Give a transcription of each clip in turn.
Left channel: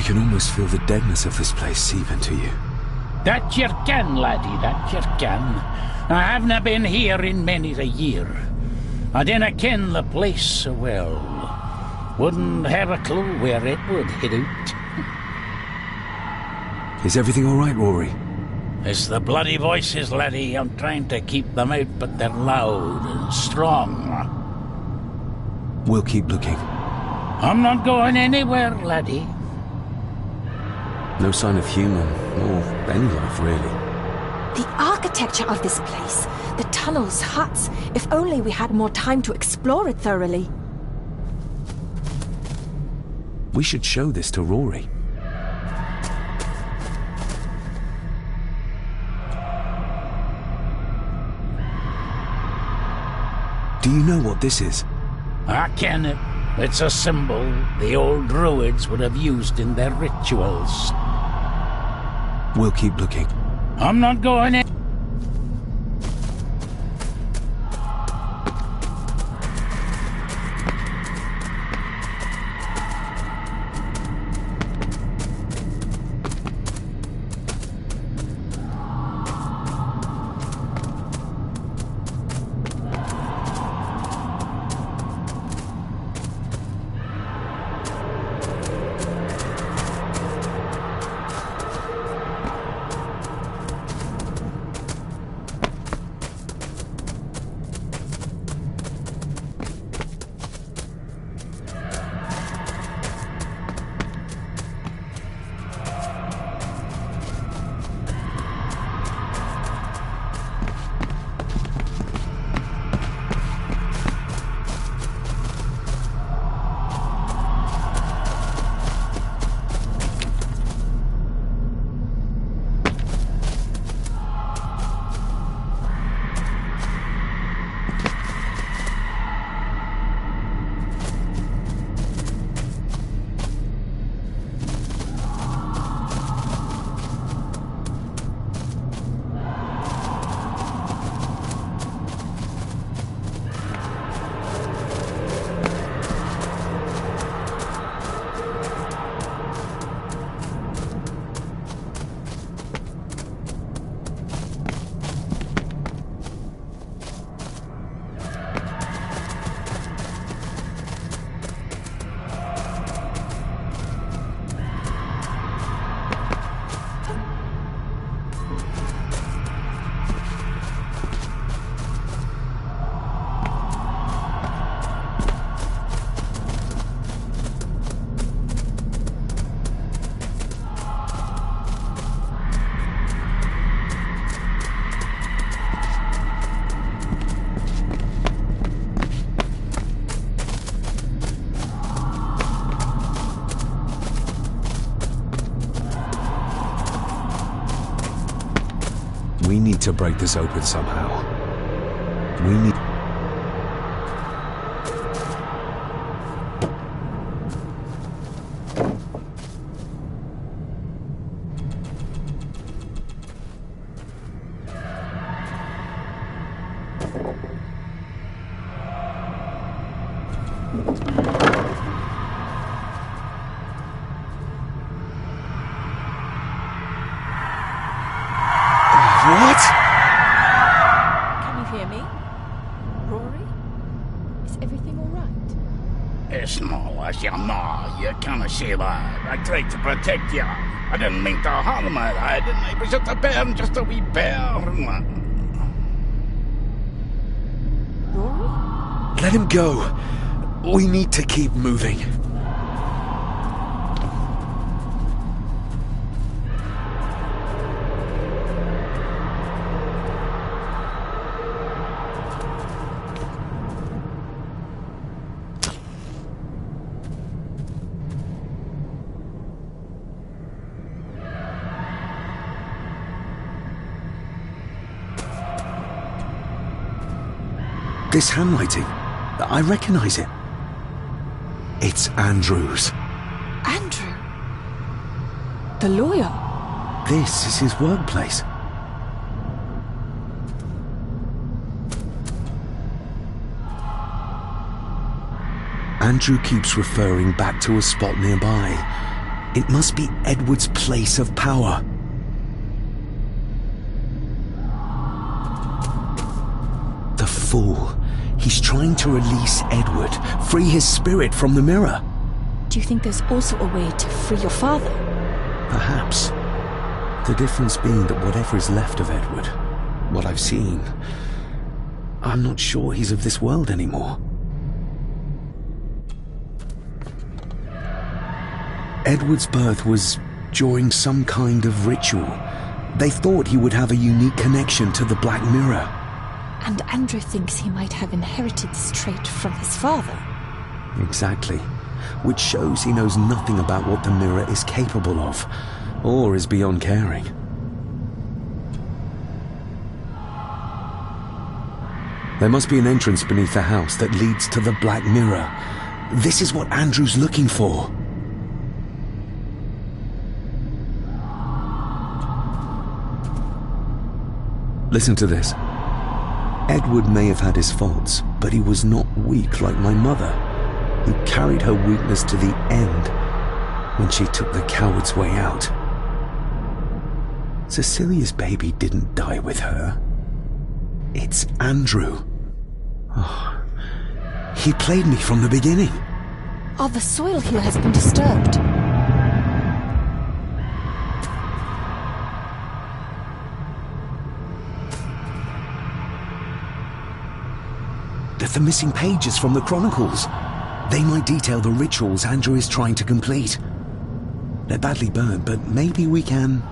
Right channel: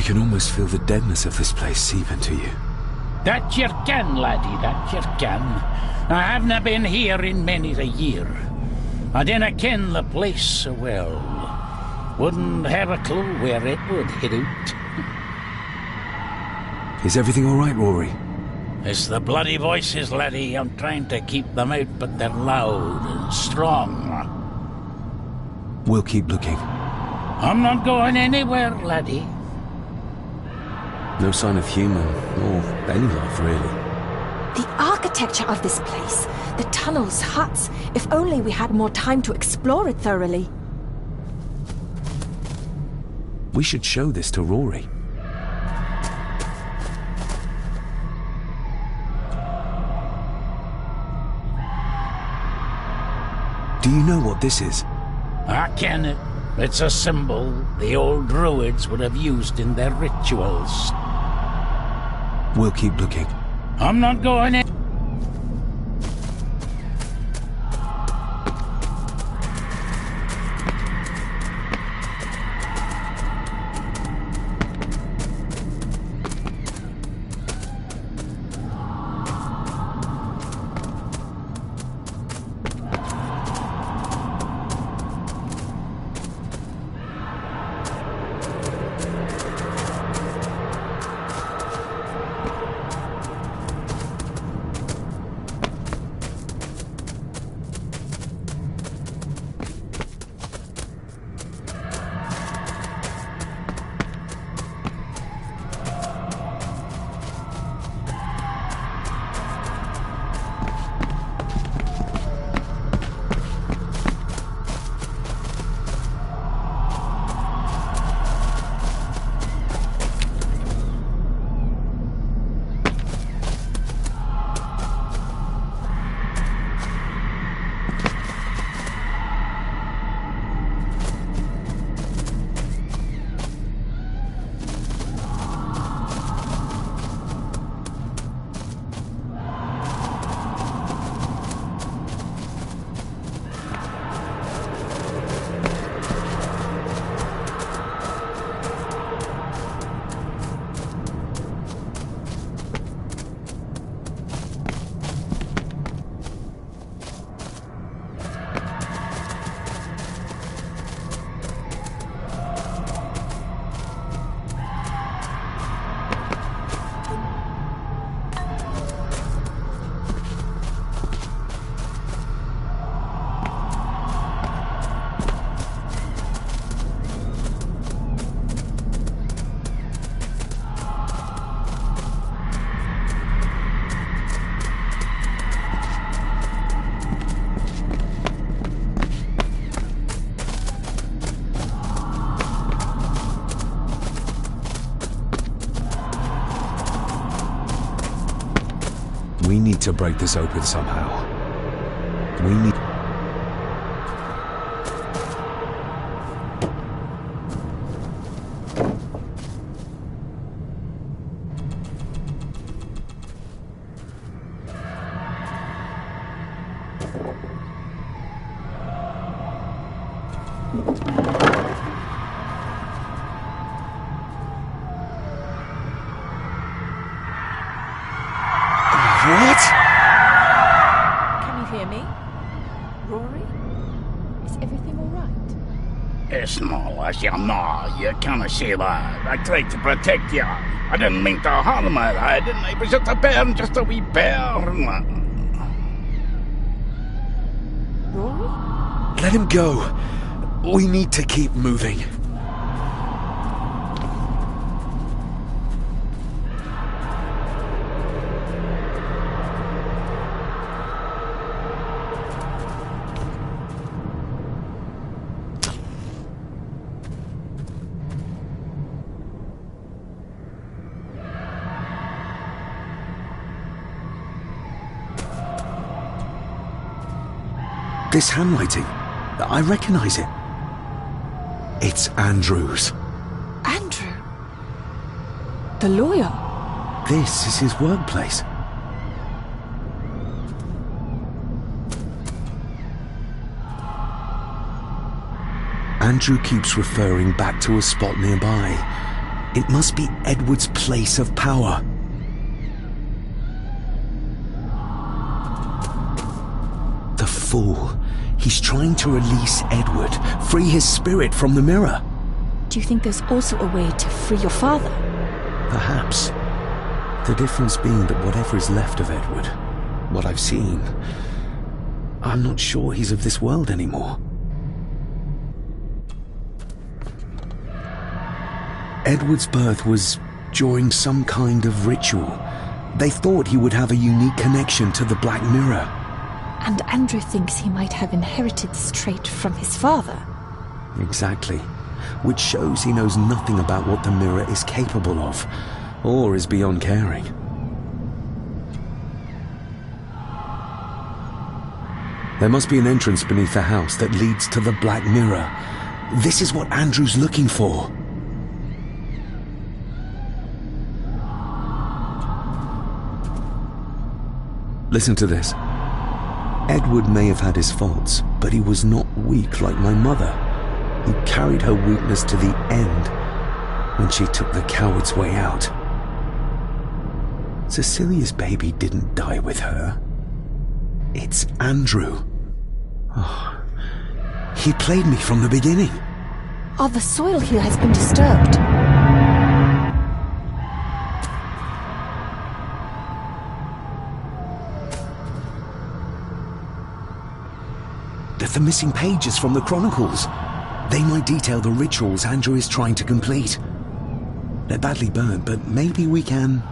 You can almost feel the deadness of this place seep into you. That you can, laddie, that you can. I havena been here in many a year. I dinna ken the place so well. Wouldn't have a clue where it would hit out. Is everything all right, Rory? It's the bloody voices, laddie. I'm trying to keep them out, but they're loud and strong. We'll keep looking. I'm not going anywhere, laddie. No sign of human, or any life, really. The architecture of this place, the tunnels, huts, if only we had more time to explore it thoroughly. We should show this to Rory. Do you know what this is? I ken it. It's a symbol the old druids would have used in their rituals. We'll keep looking. I'm not going in. We need to break this open somehow. We need... What? Can you hear me? Rory? Is everything all right? It's not as you know. You can't say that. I tried to protect you. I didn't mean to harm you, I didn't. It was just a bear, just a wee bear. Rory? Let him go. We need to keep moving. This handwriting, I recognize it. It's Andrew's. Andrew? The lawyer? This is his workplace. Andrew keeps referring back to a spot nearby. It must be Edward's place of power. The fool. He's trying to release Edward, free his spirit from the mirror. Do you think there's also a way to free your father? Perhaps. The difference being that whatever is left of Edward, what I've seen, I'm not sure he's of this world anymore. Edward's birth was during some kind of ritual. They thought he would have a unique connection to the Black Mirror. And Andrew thinks he might have inherited this trait from his father. Exactly. Which shows he knows nothing about what the mirror is capable of, or is beyond caring. There must be an entrance beneath the house that leads to the Black Mirror. This is what Andrew's looking for. Listen to this. Edward may have had his faults, but he was not weak like my mother, who carried her weakness to the end when she took the coward's way out. Cecilia's baby didn't die with her. It's Andrew. Oh, he played me from the beginning. Oh, the soil here has been disturbed. The missing pages from the Chronicles. They might detail the rituals Andrew is trying to complete. They're badly burned, but maybe we can...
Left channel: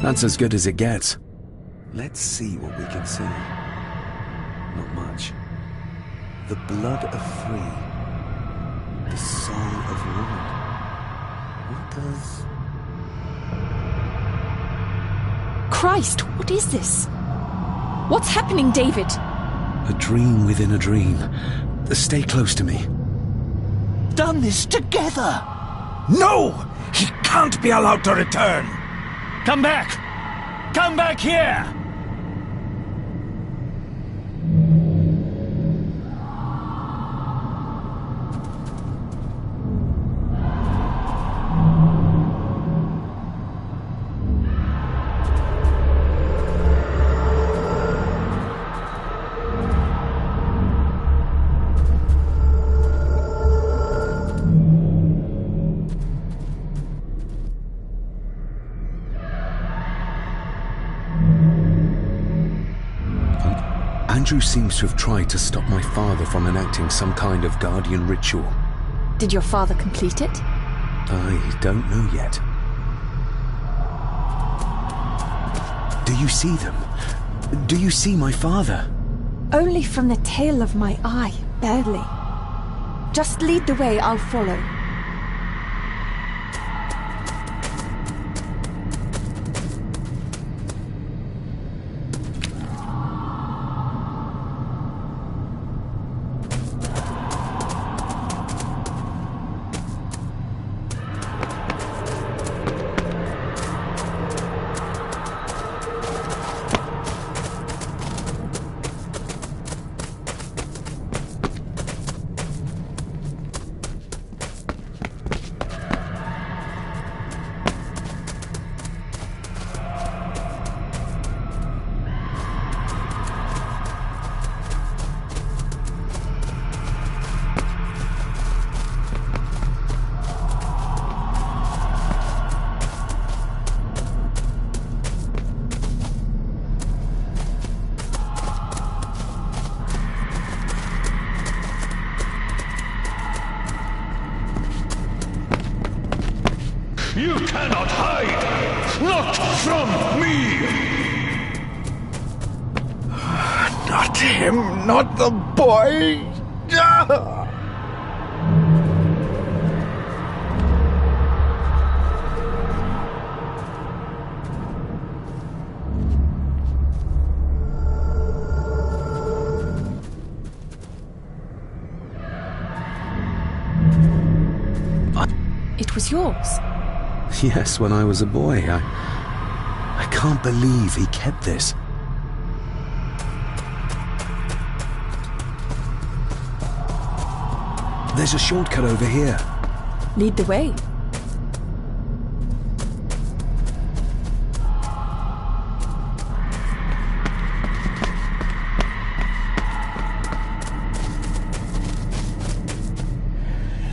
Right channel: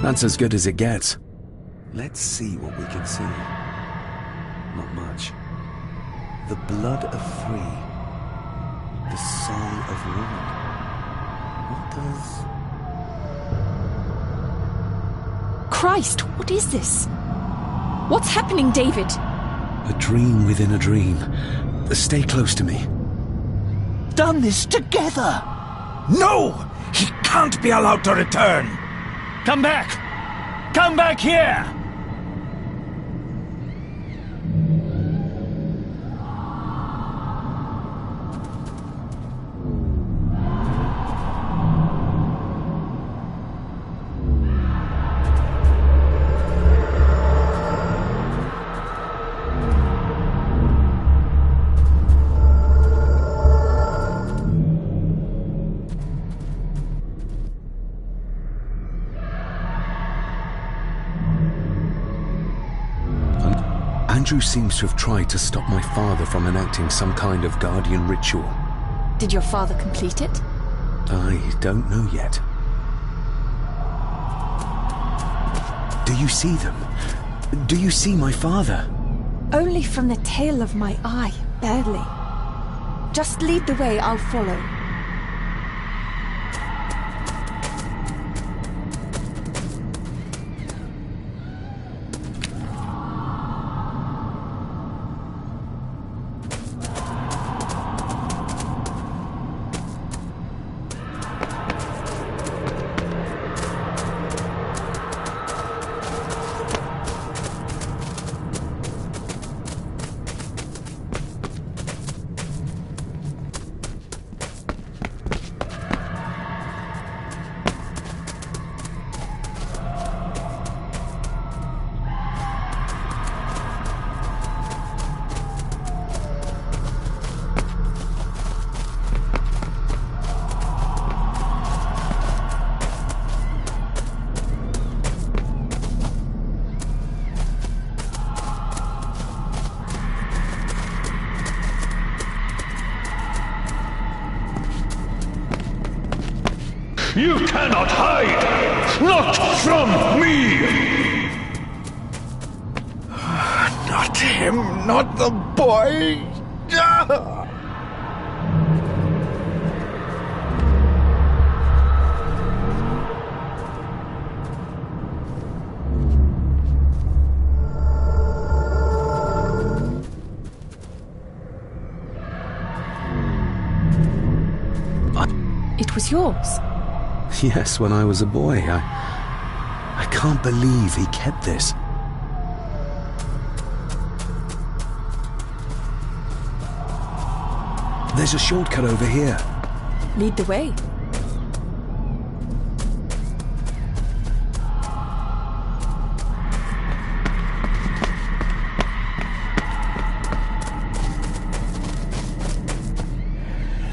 That's as good as it gets. Let's see what we can see. Not much. The blood of three. The song of one. What does... Christ, what is this? What's happening, David? A dream within a dream. Stay close to me. Done this together! No! He can't be allowed to return! Come back! Come back here! Andrew seems to have tried to stop my father from enacting some kind of guardian ritual. Did your father complete it? I don't know yet. Do you see them? Do you see my father? Only from the tail of my eye, barely. Just lead the way, I'll follow. You cannot hide! Not from me! Not him, not the boy! It was yours. Yes, when I was a boy. I can't believe he kept this. There's a shortcut over here. Lead the way.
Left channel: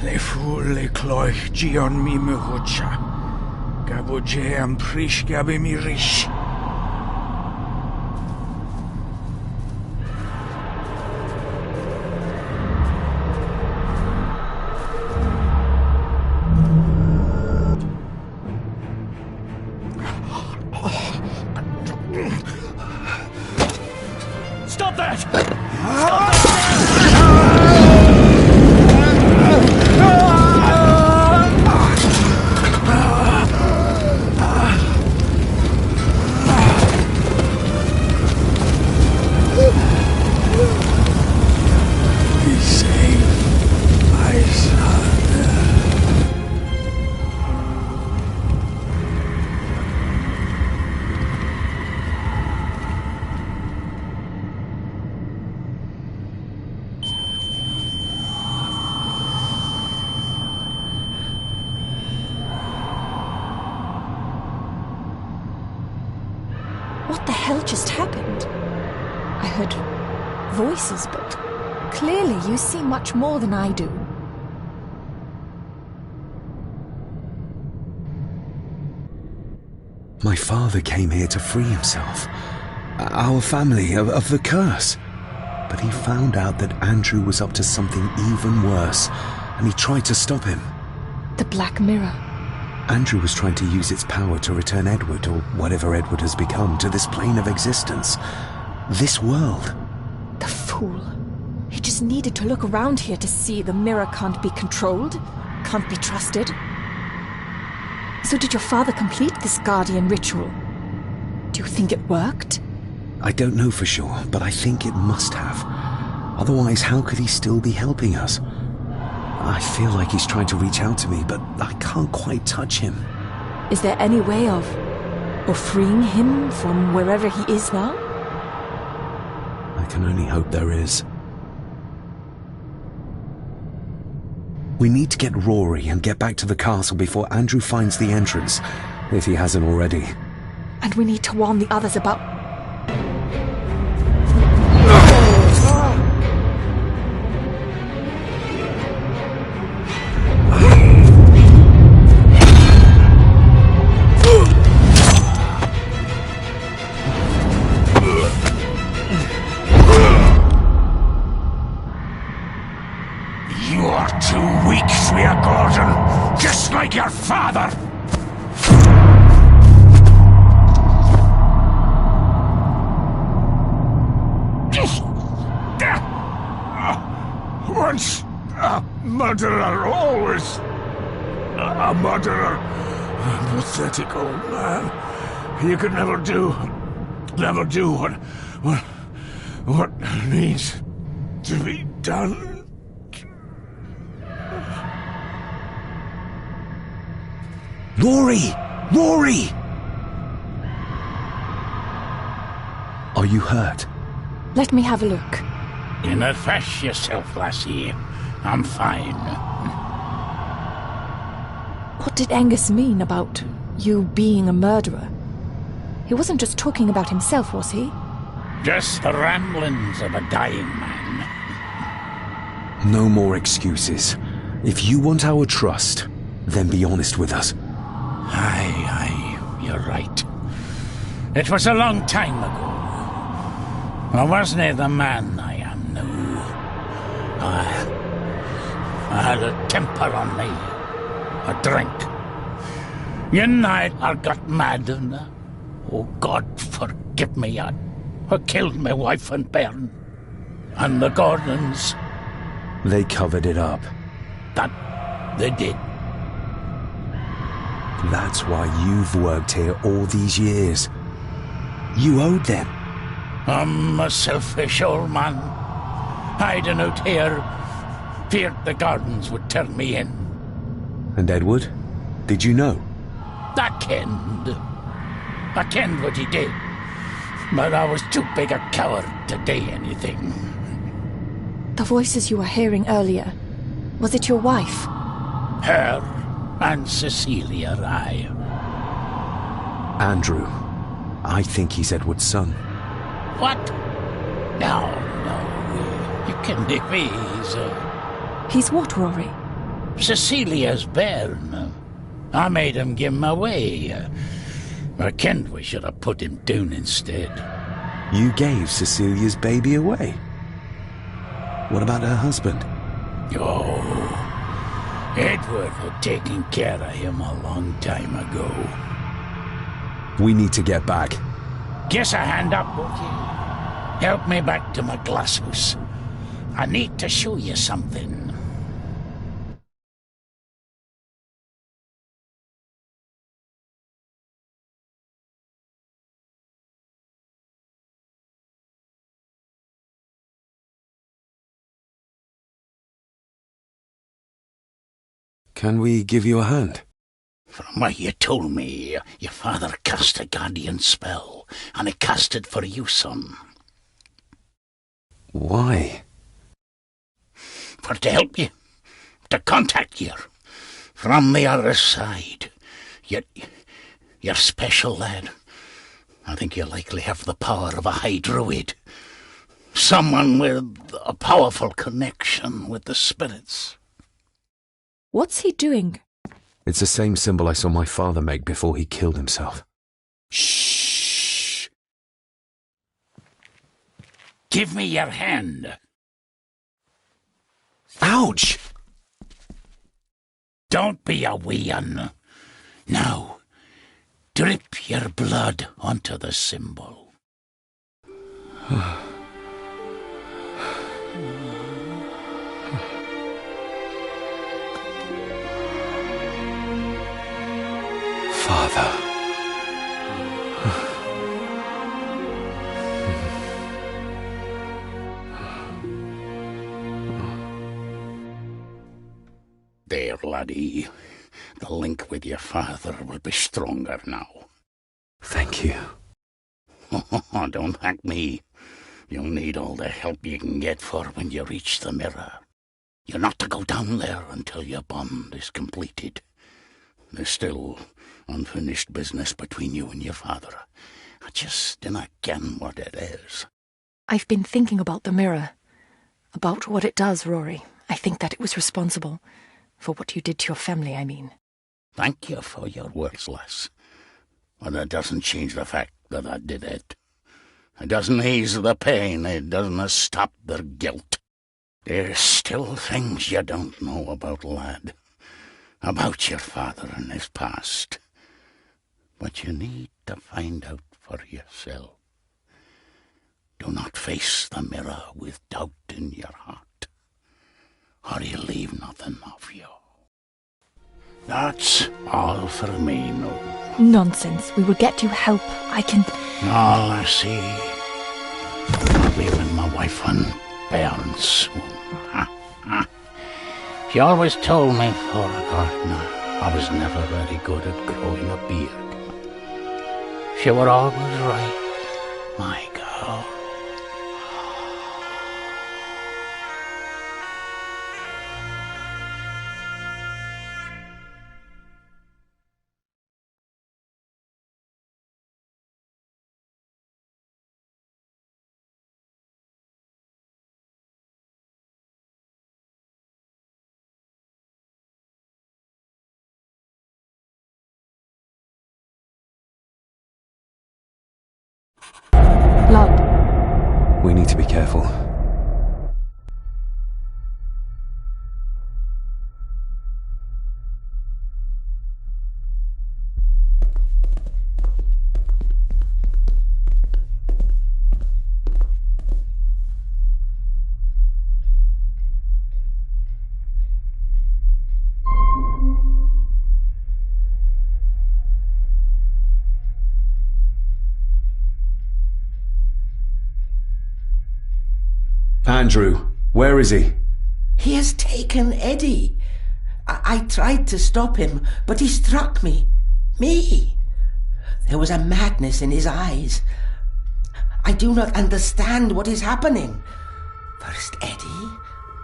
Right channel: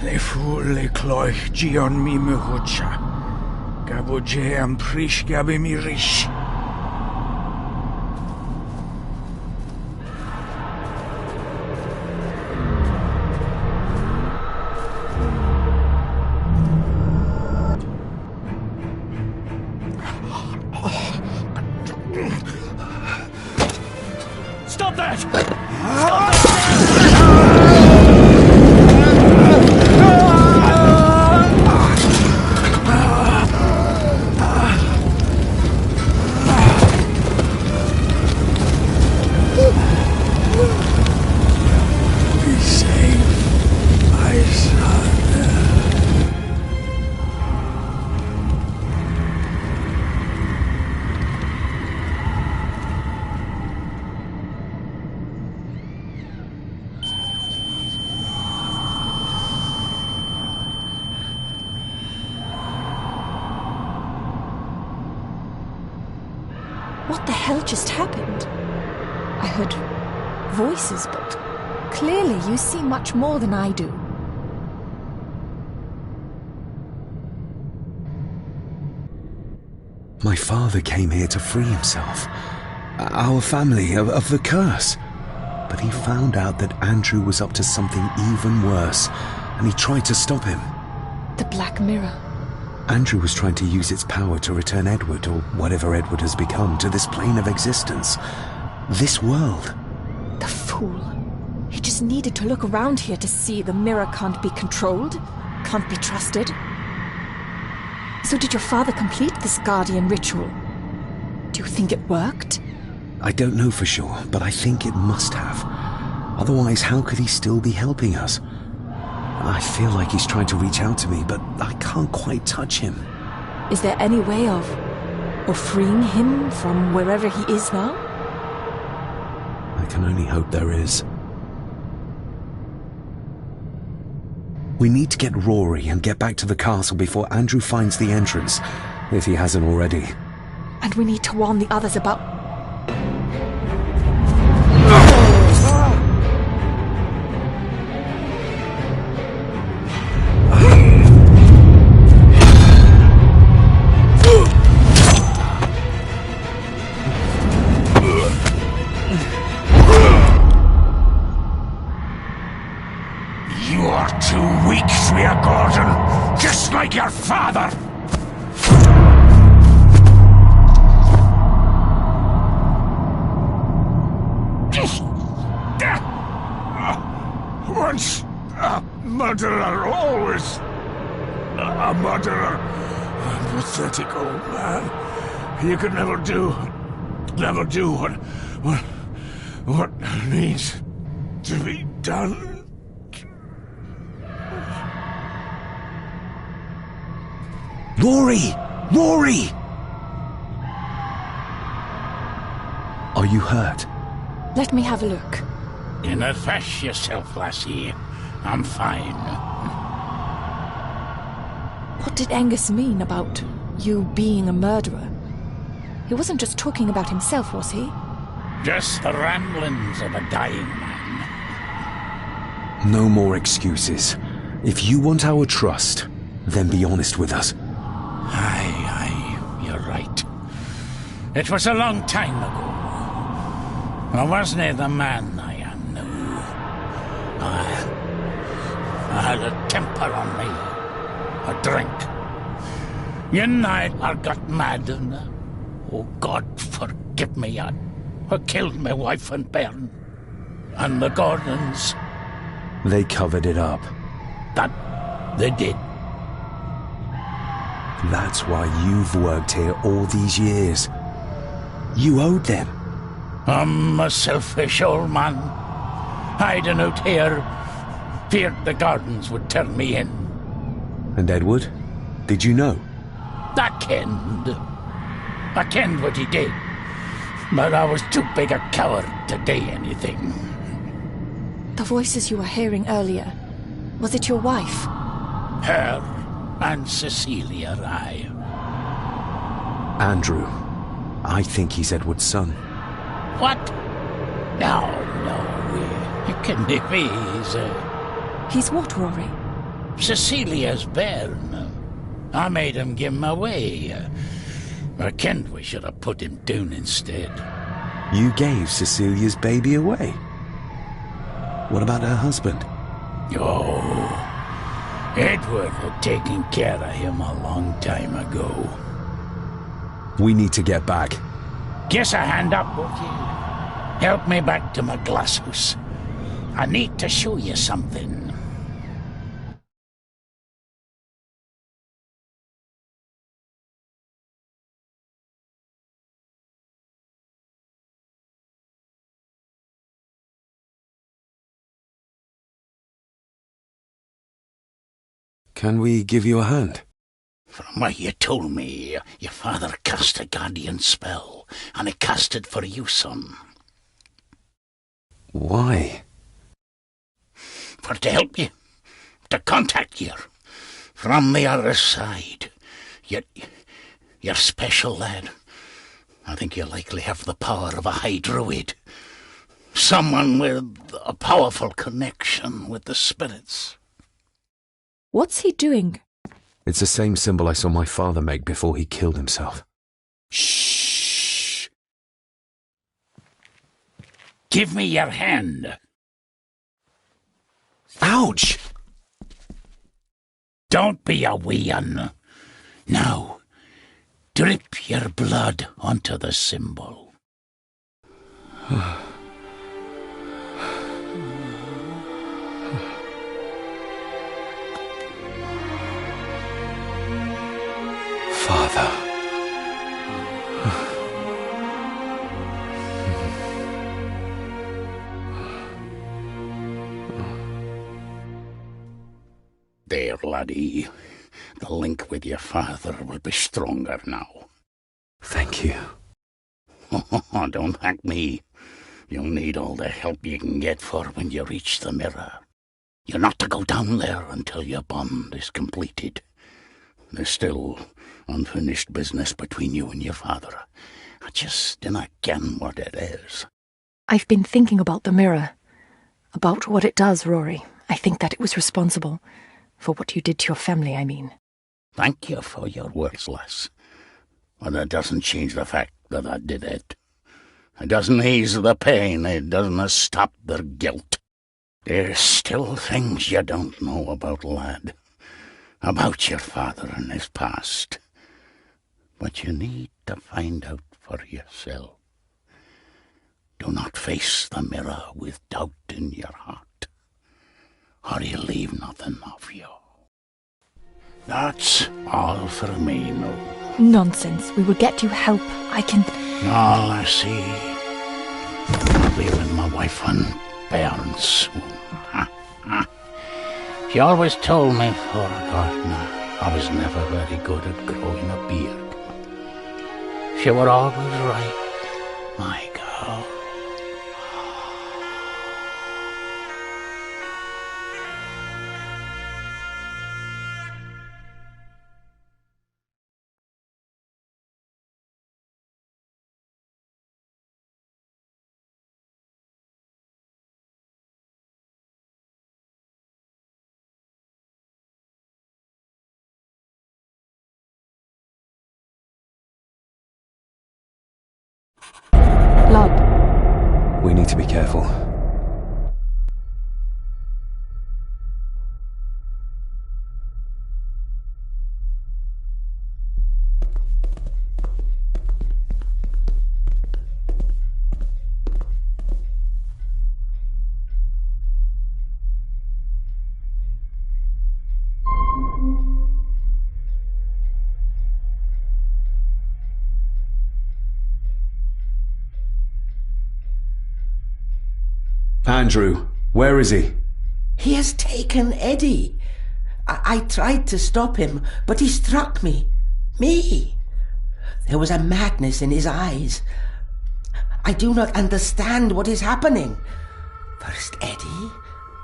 Le fu le cloich gion mi mehucha. Gabo je am prish gabe mi rish. Stop that! Be safe, my son. What the hell just happened? I heard voices, but clearly you see much more than I do. My father came here to free himself, our family, of the curse. But he found out that Andrew was up to something even worse, and he tried to stop him. The Black Mirror. Andrew was trying to use its power to return Edward, or whatever Edward has become, to this plane of existence. This world. The fool. He just needed to look around here to see the mirror can't be controlled, can't be trusted. So did your father complete this guardian ritual? Do you think it worked? I don't know for sure, but I think it must have. Otherwise, how could he still be helping us? I feel like he's trying to reach out to me, but I can't quite touch him. Is there any way of freeing him from wherever he is now? I can only hope there is. We need to get Rory and get back to the castle before Andrew finds the entrance, if he hasn't already. And we need to warn the others about... You are too weak, Swear Gordon, just like your father. Once a murderer, always a murderer. A pathetic old man. You could never do what needs to be done. Rory! Rory! Are you hurt? Let me have a look. You not fash yourself, lassie. I'm fine. What did Angus mean about you being a murderer? He wasn't just talking about himself, was he? Just the ramblings of a dying man. No more excuses. If you want our trust, then be honest with us. Aye, you're right. It was a long time ago. I wasn't the man I am now. I had a temper on me. A drink. One night I got mad and, oh God forgive me, I killed my wife and bairn. And the Gordons. They covered it up. That they did. That's why you've worked here all these years. You owed them. I'm a selfish old man. Hiding out here, feared the Gardens would turn me in. And Edward? Did you know? I kenned what he did. But I was too big a coward to do anything. The voices you were hearing earlier, was it your wife? Her and Cecilia, aye. Andrew. I think he's Edward's son. What? No, you can't be. He's what, Rory? Cecilia's bairn. I made him give him away. I kenned we should have put him down instead. You gave Cecilia's baby away? What about her husband? Oh, Edward had taken care of him a long time ago. We need to get back. Guess a hand up, would you? Help me back to my glasshouse. I need to show you something. Can we give you a hand? From what you told me, your father cast a guardian spell, and he cast it for you, son. Why? For to help you, to contact you from the other side. You're special, lad. I think you likely have the power of a high druid. Someone with a powerful connection with the spirits. What's he doing? It's the same symbol I saw my father make before he killed himself. Shh! Give me your hand. Ouch! Don't be a wee un. Now, drip your blood onto the symbol. Father. There, laddie. The link with your father will be stronger now. Thank you. Don't thank me. You'll need all the help you can get for when you reach the mirror. You're not to go down there until your bond is completed. There's still unfinished business between you and your father. I just dinna ken what it is. I've been thinking about the mirror. About what it does, Rory. I think that it was responsible. For what you did to your family, I mean. Thank you for your words, lass. But it doesn't change the fact that I did it. It doesn't ease the pain. It doesn't stop their guilt. There's still things you don't know about, lad. About your father and his past. But you need to find out for yourself. Do not face the mirror with doubt in your heart, or you'll leave nothing of you. That's all for me, no. Nonsense. We will get you help. I can... All I see. I'll be with my wife and parents soon. She always told me for a gardener I was never very good at growing a beard. She were always right, my girl. Blood. We need to be careful. Andrew, where is he? He has taken Eddie. I tried to stop him, but he struck me. Me. There was a madness in his eyes. I do not understand what is happening. First Eddie,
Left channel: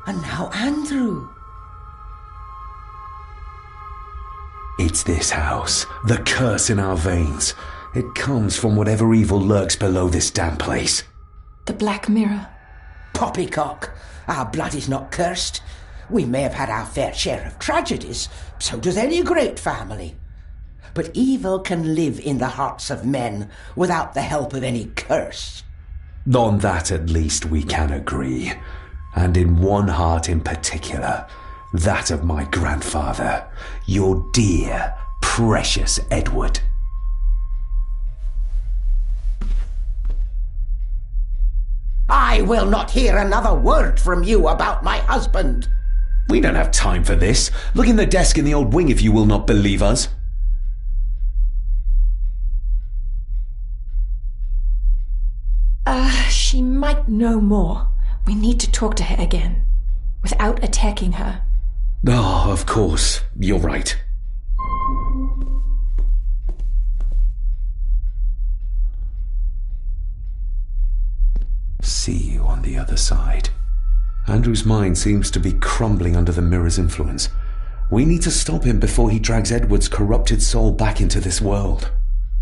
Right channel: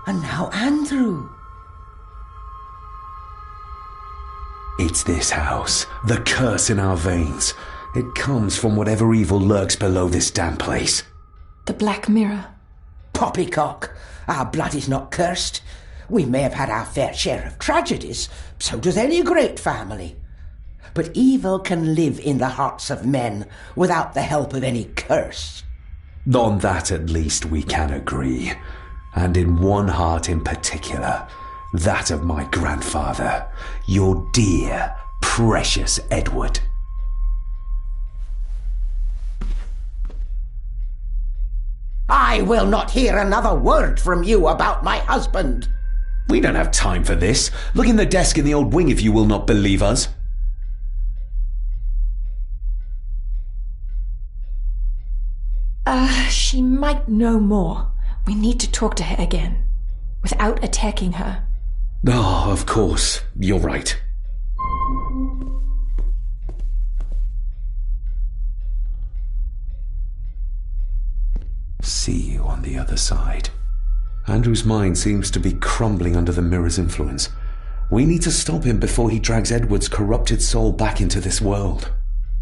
and now Andrew. It's this house. The curse in our veins. It comes from whatever evil lurks below this damn place. The Black Mirror. Poppycock. Our blood is not cursed. We may have had our fair share of tragedies. So does any great family. But evil can live in the hearts of men without the help of any curse. On that at least we can agree. And in one heart in particular. That of my grandfather. Your dear, precious Edward. I will not hear another word from you about my husband. We don't have time for this. Look in the desk in the old wing if you will not believe us. She might know more. We need to talk to her again. Without attacking her. Oh, of course. You're right. See you on the other side. Andrew's mind seems to be crumbling under the mirror's influence. We need to stop him before he drags Edward's corrupted soul back into this world.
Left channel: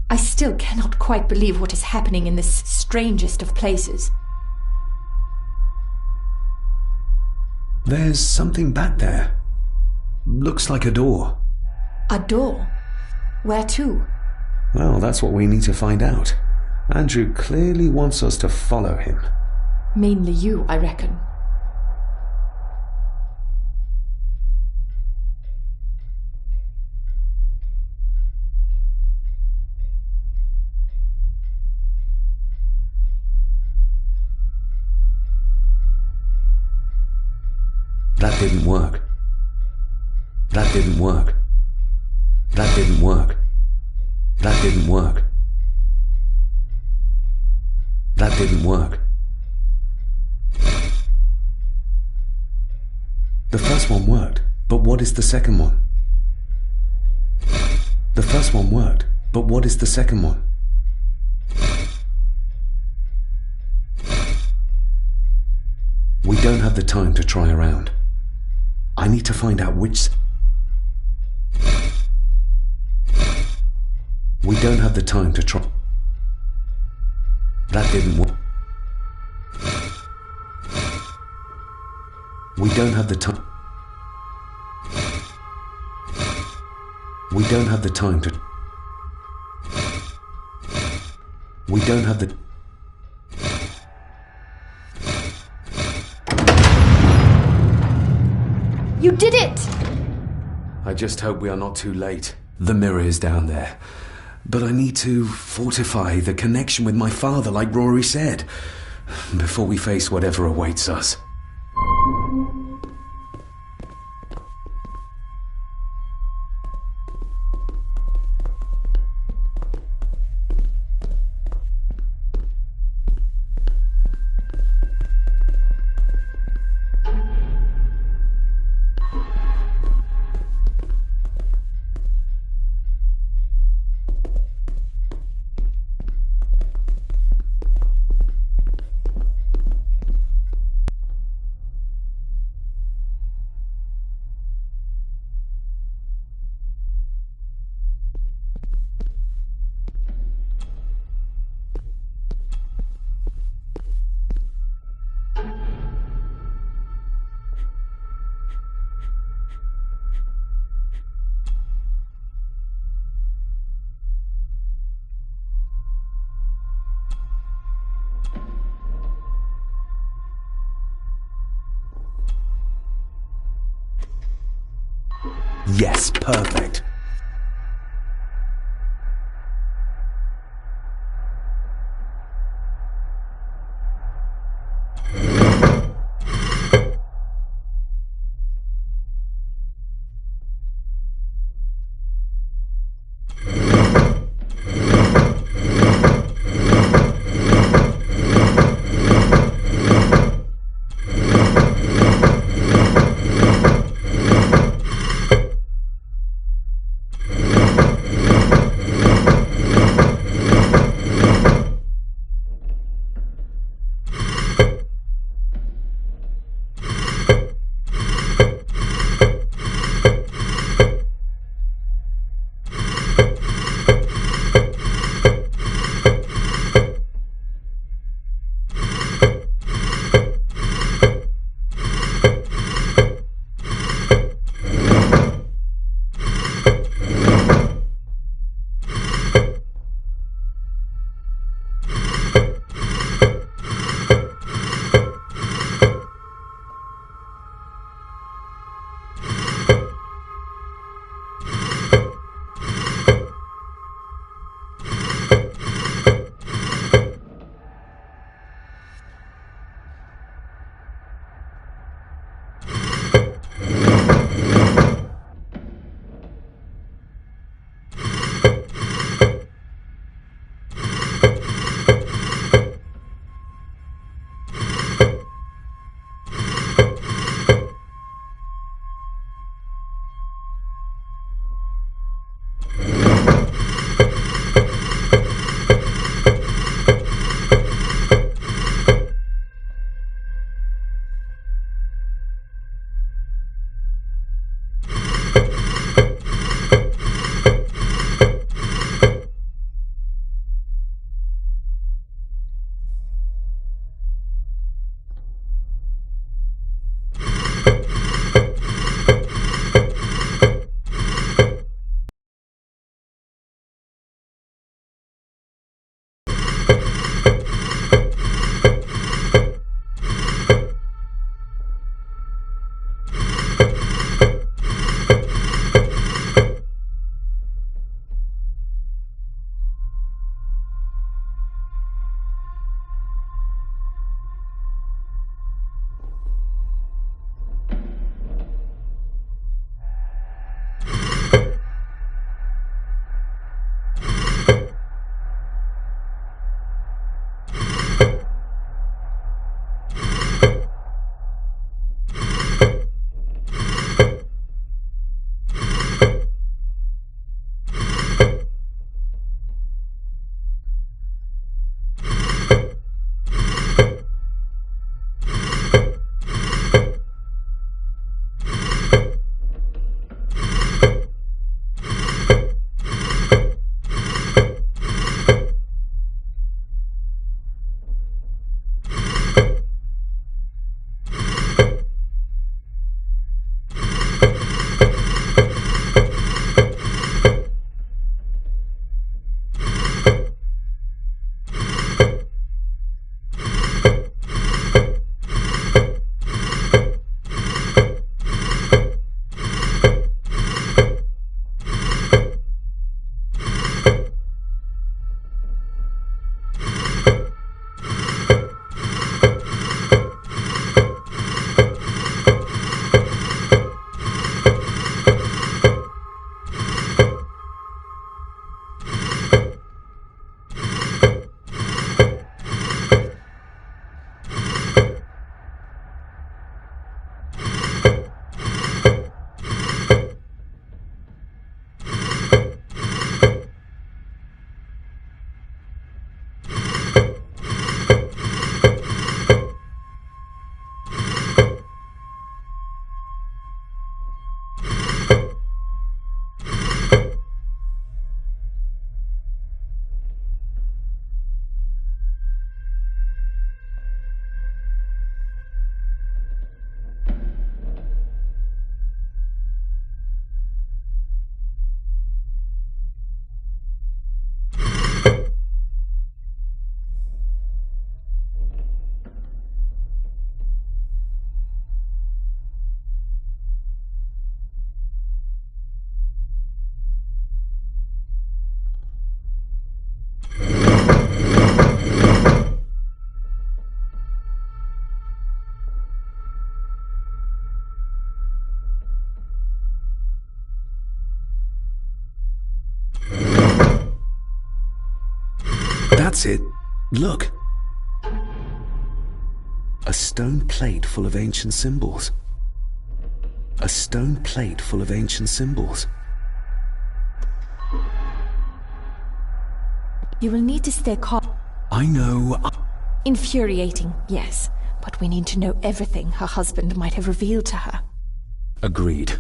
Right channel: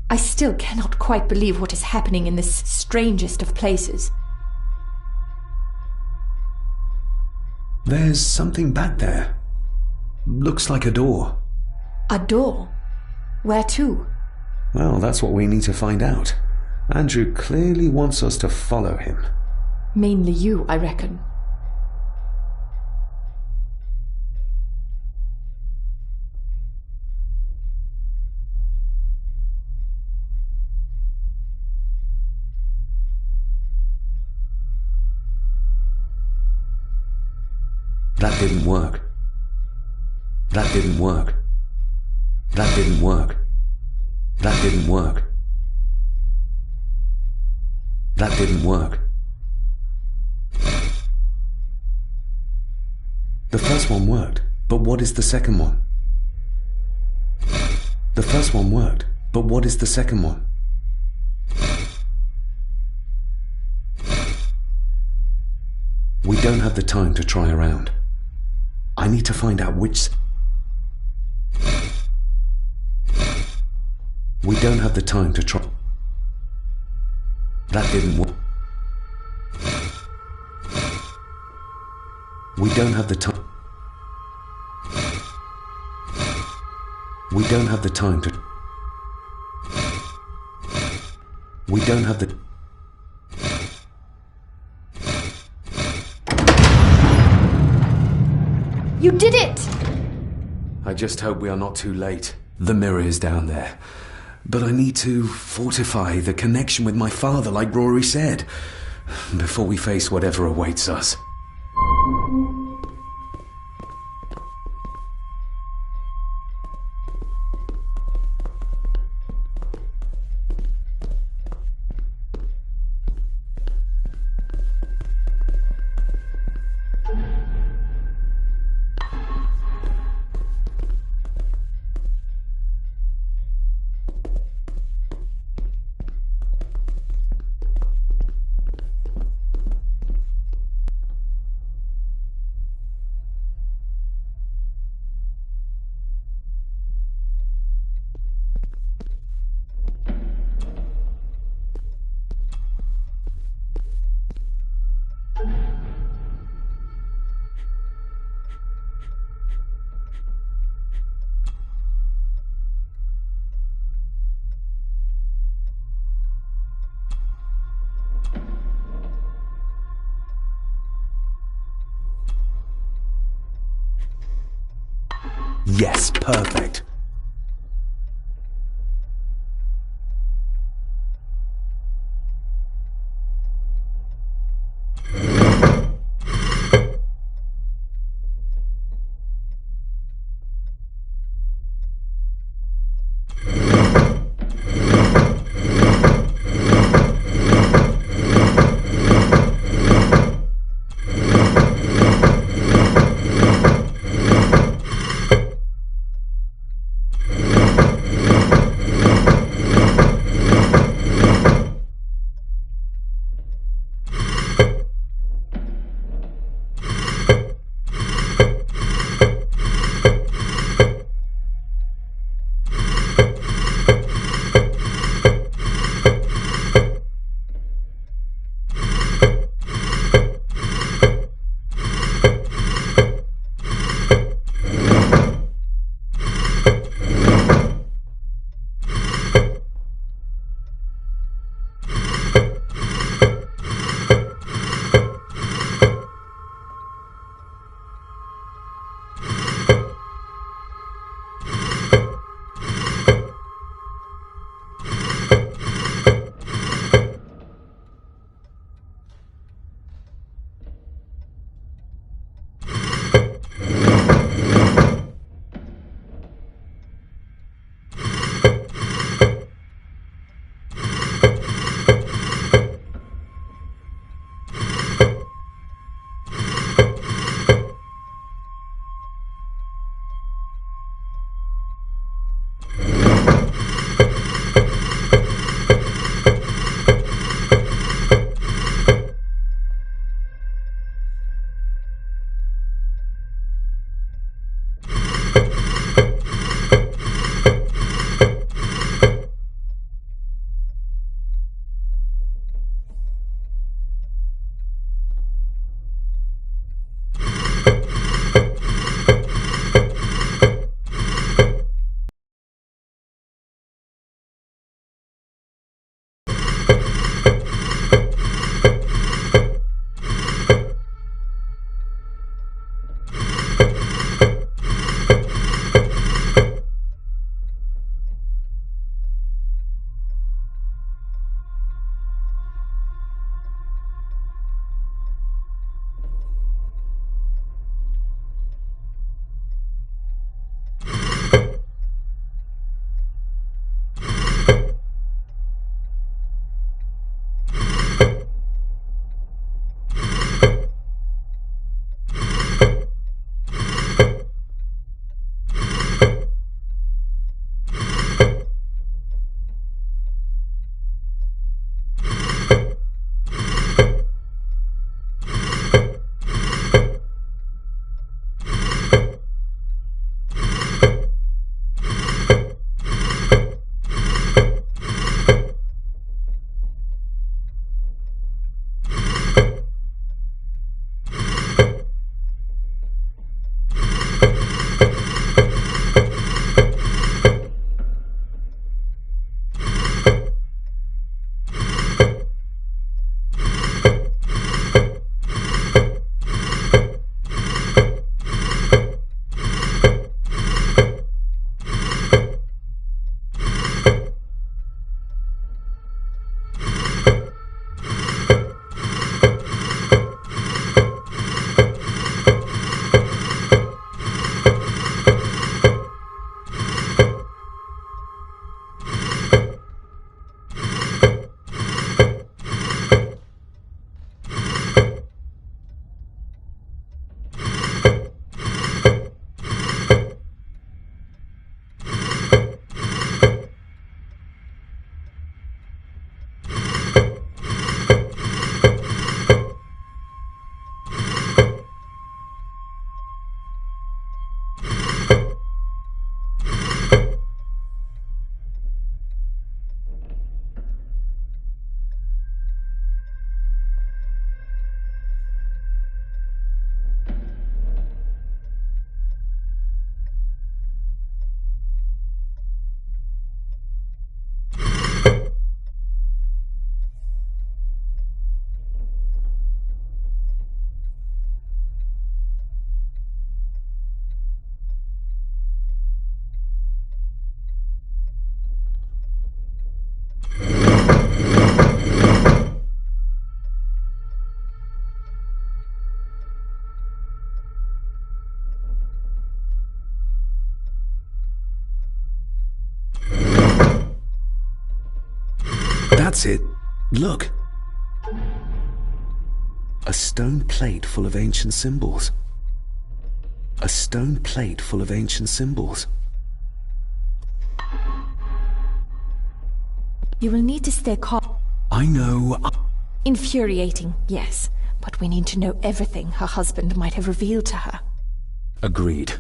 I still cannot quite believe what is happening in this strangest of places. There's something back there. Looks like a door. A door? Where to? Well, that's what we need to find out. Andrew clearly wants us to follow him. Mainly you, I reckon. That didn't work. That didn't work. That didn't work. That didn't work. That didn't work. The first one worked, but what is the second one? The first one worked, but what is the second one? We don't have the time to try around. I need to find out which... We don't have the time to try... That didn't work. We don't have the time... We don't have the time to... We don't have the... You did it! I just hope we are not too late. The mirror is down there. But I need to fortify the connection with my father, like Rory said, before we face whatever awaits us. Yes, perfect. That's it. Look. A stone plate full of ancient symbols. A stone plate full of ancient symbols. You will need to stay calm. I know. Infuriating, yes. But we need to know everything her husband might have revealed to her. Agreed.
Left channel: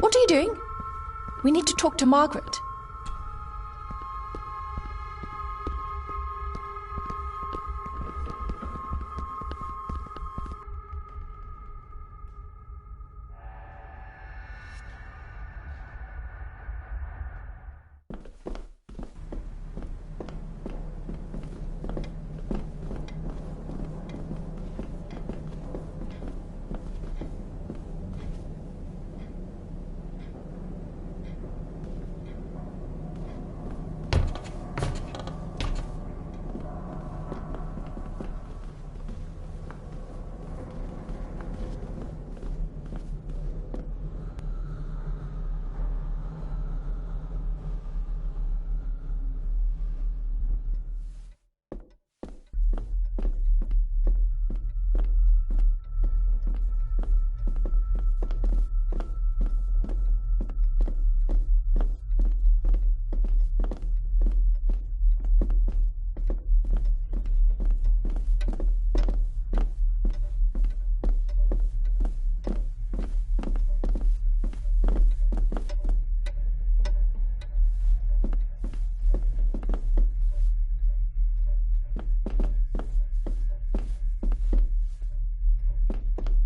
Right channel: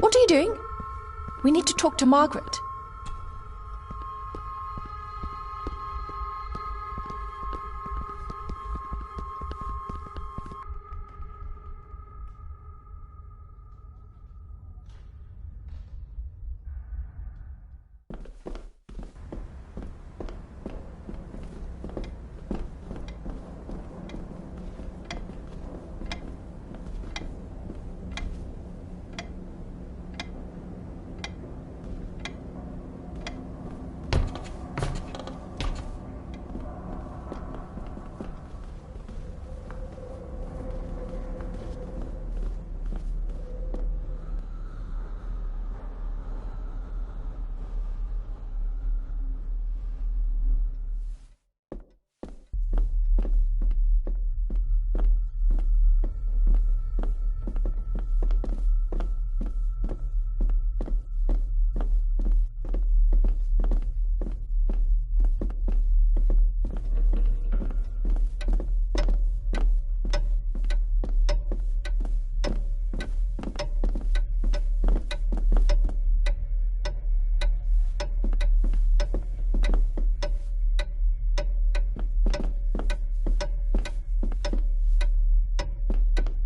What are you doing? We need to talk to Margaret.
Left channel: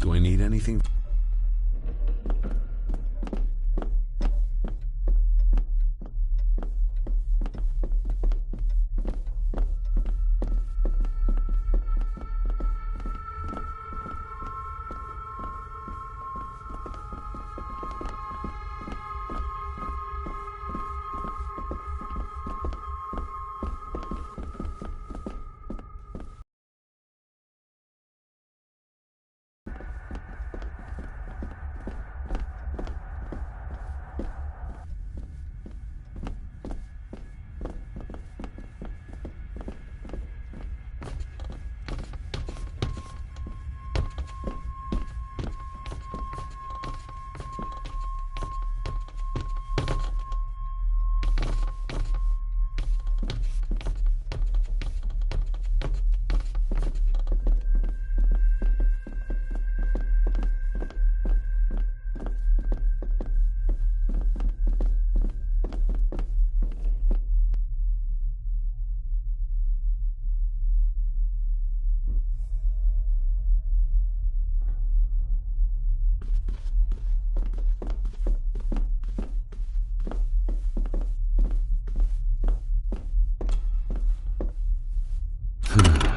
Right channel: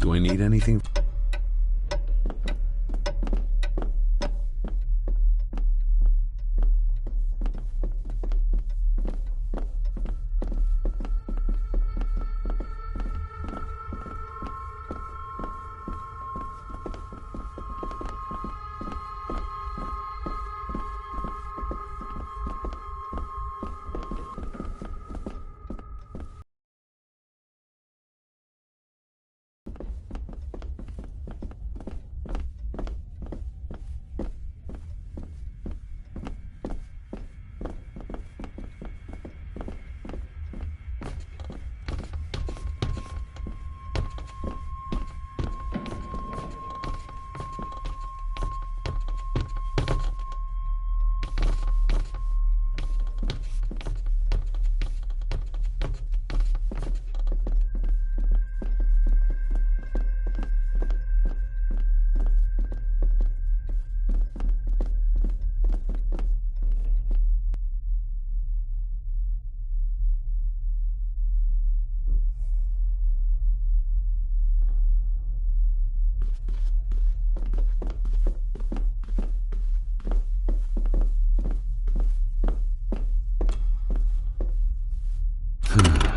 Do I need anything?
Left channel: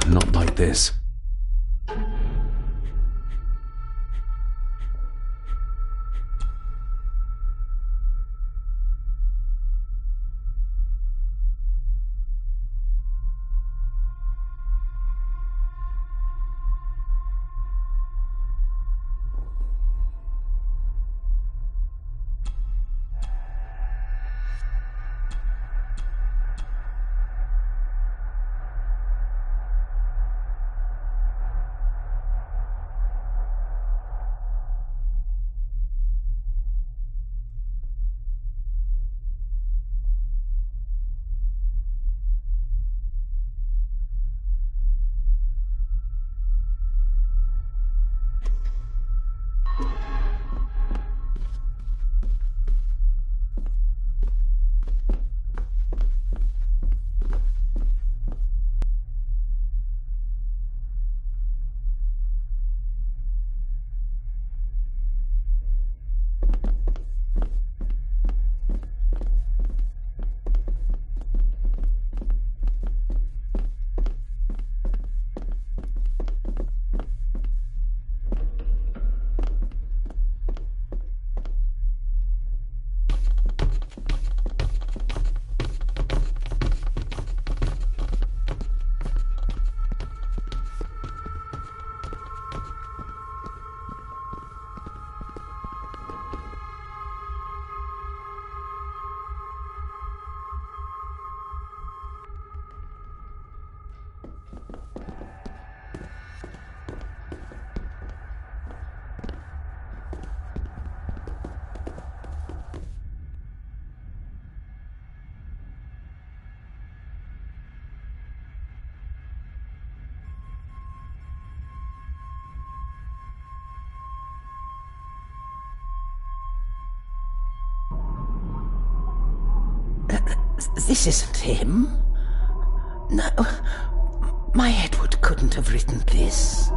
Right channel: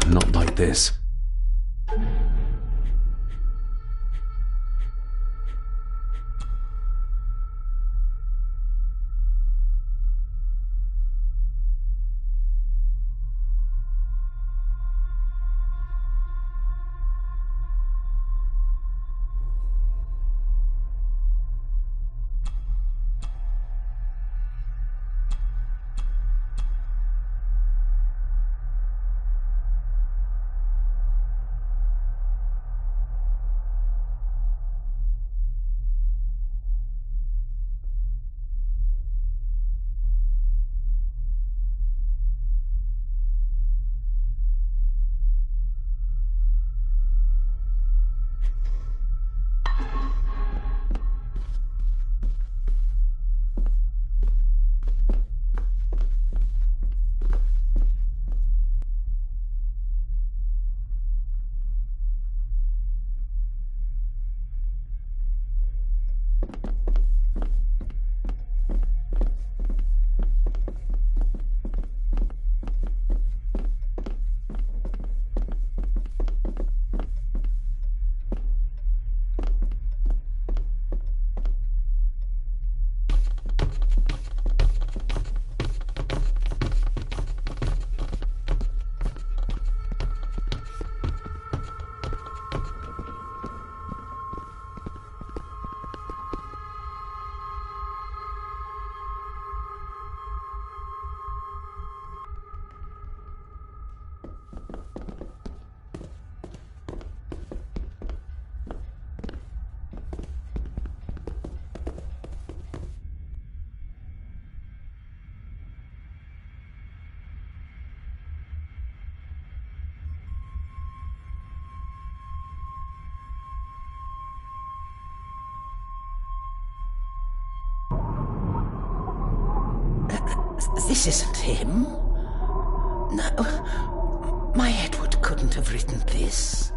Not like this. This isn't him. No, my Edward couldn't have written this.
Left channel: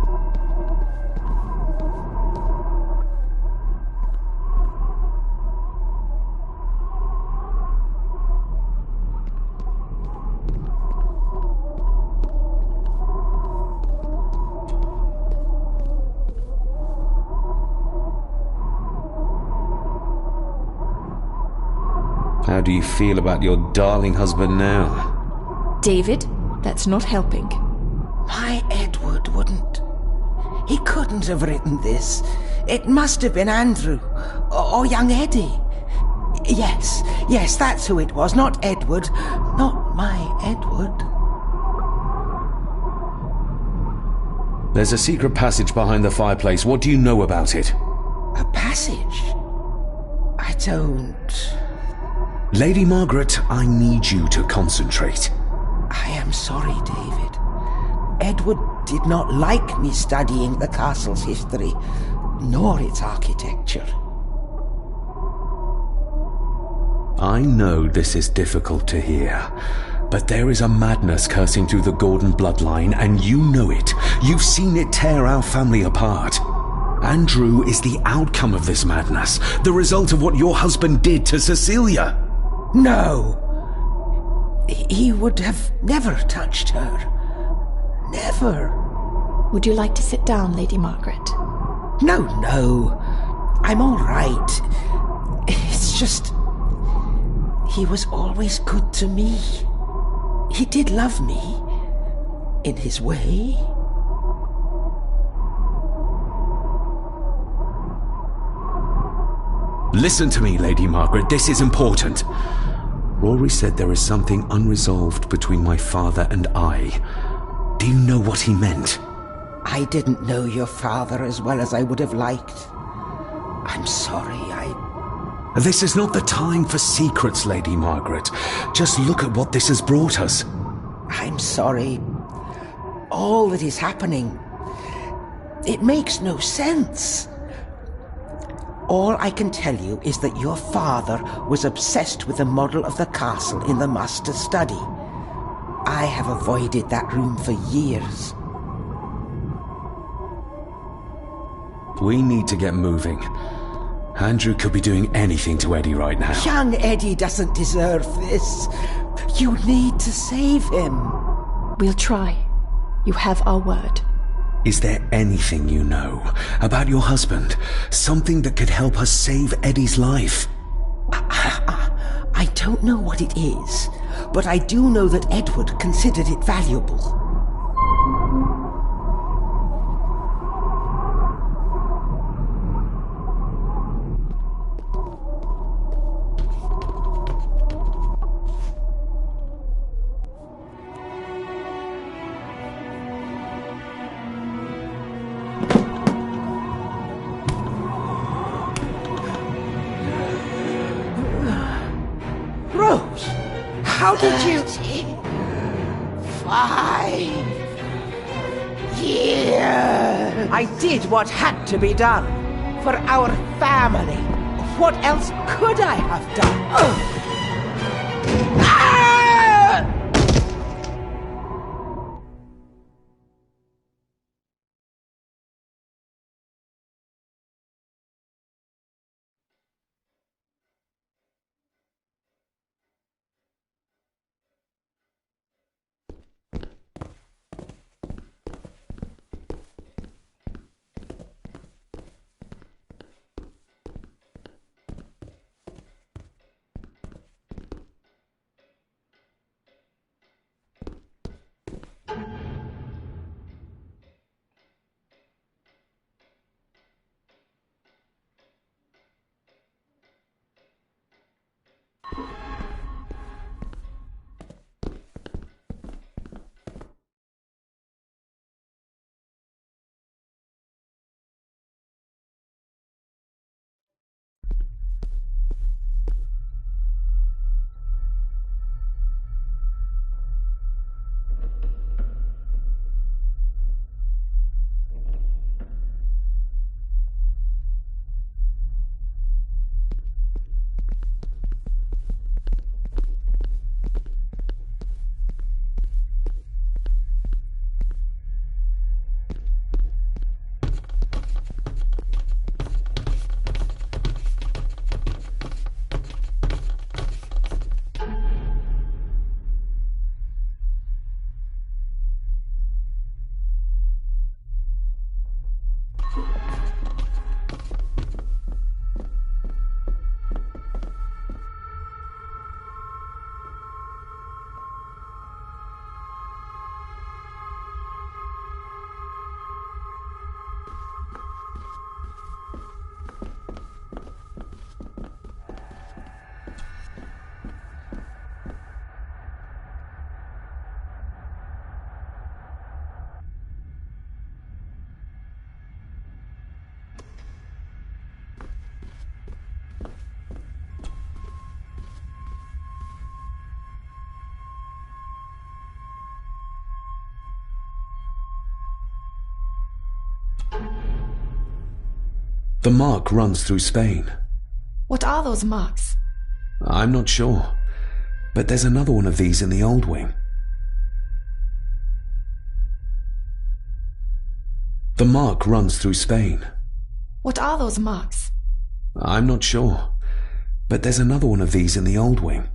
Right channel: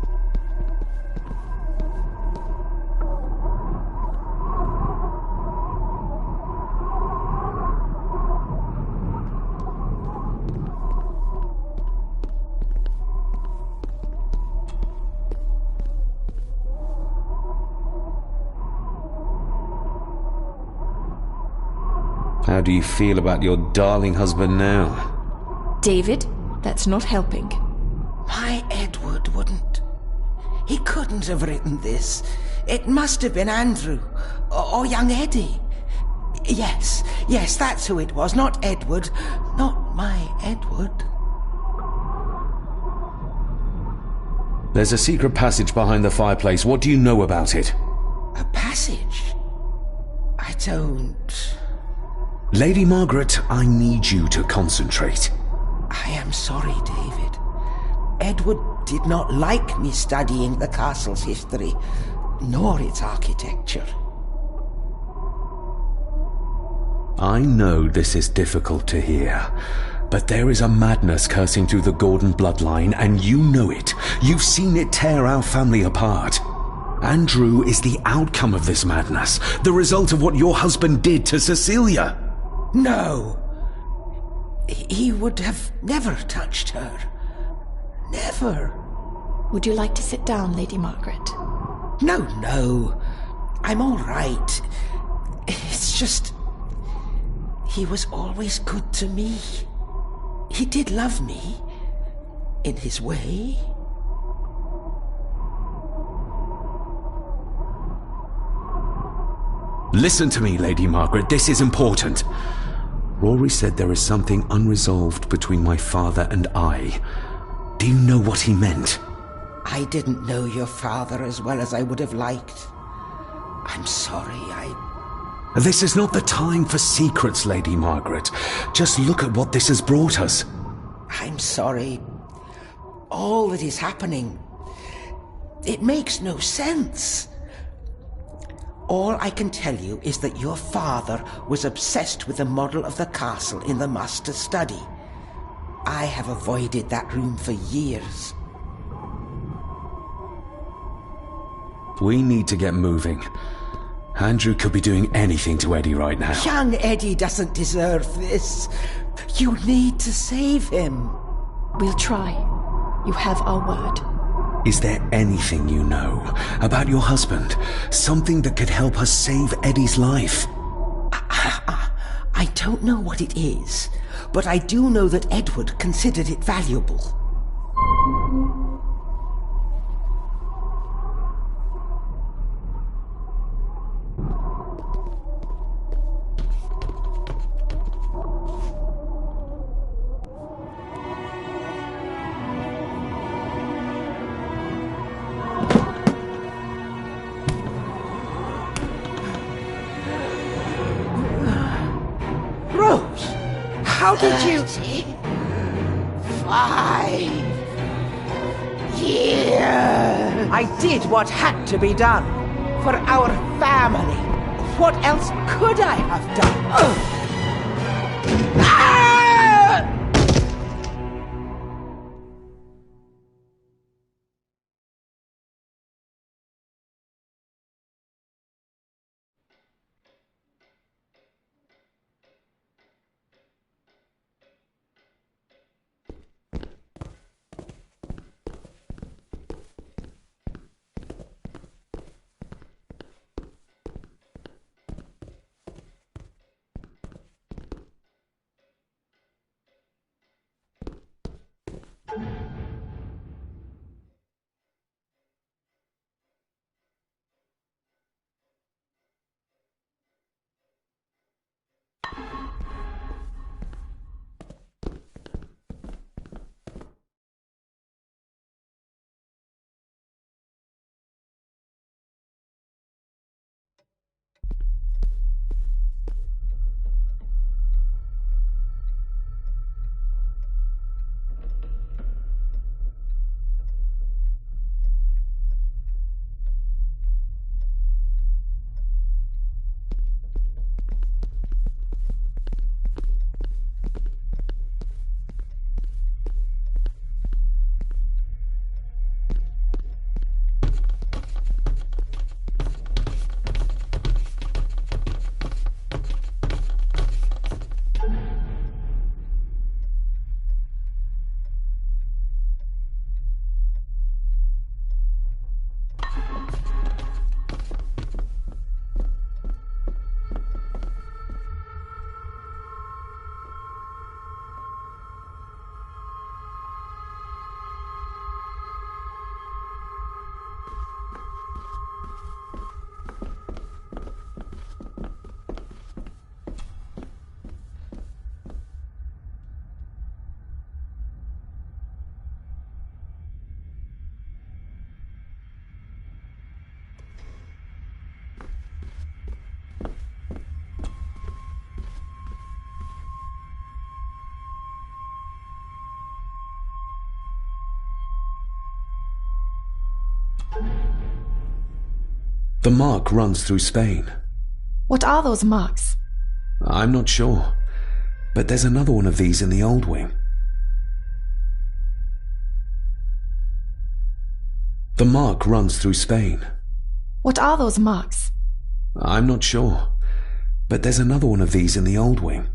How do you feel about your darling husband now? David, that's not helping. My Edward wouldn't. He couldn't have written this. It must have been Andrew, or young Eddie. Yes, that's who it was, not Edward. Not my Edward. There's a secret passage behind the fireplace. What do you know about it? A passage? I don't... Lady Margaret, I need you to concentrate. I am sorry, David. Edward did not like me studying the castle's history, nor its architecture. I know this is difficult to hear, but there is a madness coursing through the Gordon bloodline, and you know it. You've seen it tear our family apart. Andrew is the outcome of this madness, the result of what your husband did to Cecilia. No! He would have never touched her. Never. Would you like to sit down, Lady Margaret? No. I'm all right. It's just... he was always good to me. He did love me. In his way. Listen to me, Lady Margaret. This is important. Rory said there is something unresolved between my father and I. Do you know what he meant? I didn't know your father as well as I would have liked. I'm sorry, This is not the time for secrets, Lady Margaret. Just look at what this has brought us. I'm sorry. All that is happening... it makes no sense. All I can tell you is that your father was obsessed with the model of the castle in the master's study. I have avoided that room for years. We need to get moving. Andrew could be doing anything to Eddie right now. Young Eddie doesn't deserve this. You need to save him. We'll try. You have our word. Is there anything you know about your husband? Something that could help us save Eddie's life? I don't know what it is, but I do know that Edward considered it valuable. How did you... 5 years. I did what had to be done. For our family. What else could I have done? Ah! The mark runs through Spain. What are those marks? I'm not sure, but there's another one of these in the old wing. The mark runs through Spain. What are those marks? I'm not sure, but there's another one of these in the old wing.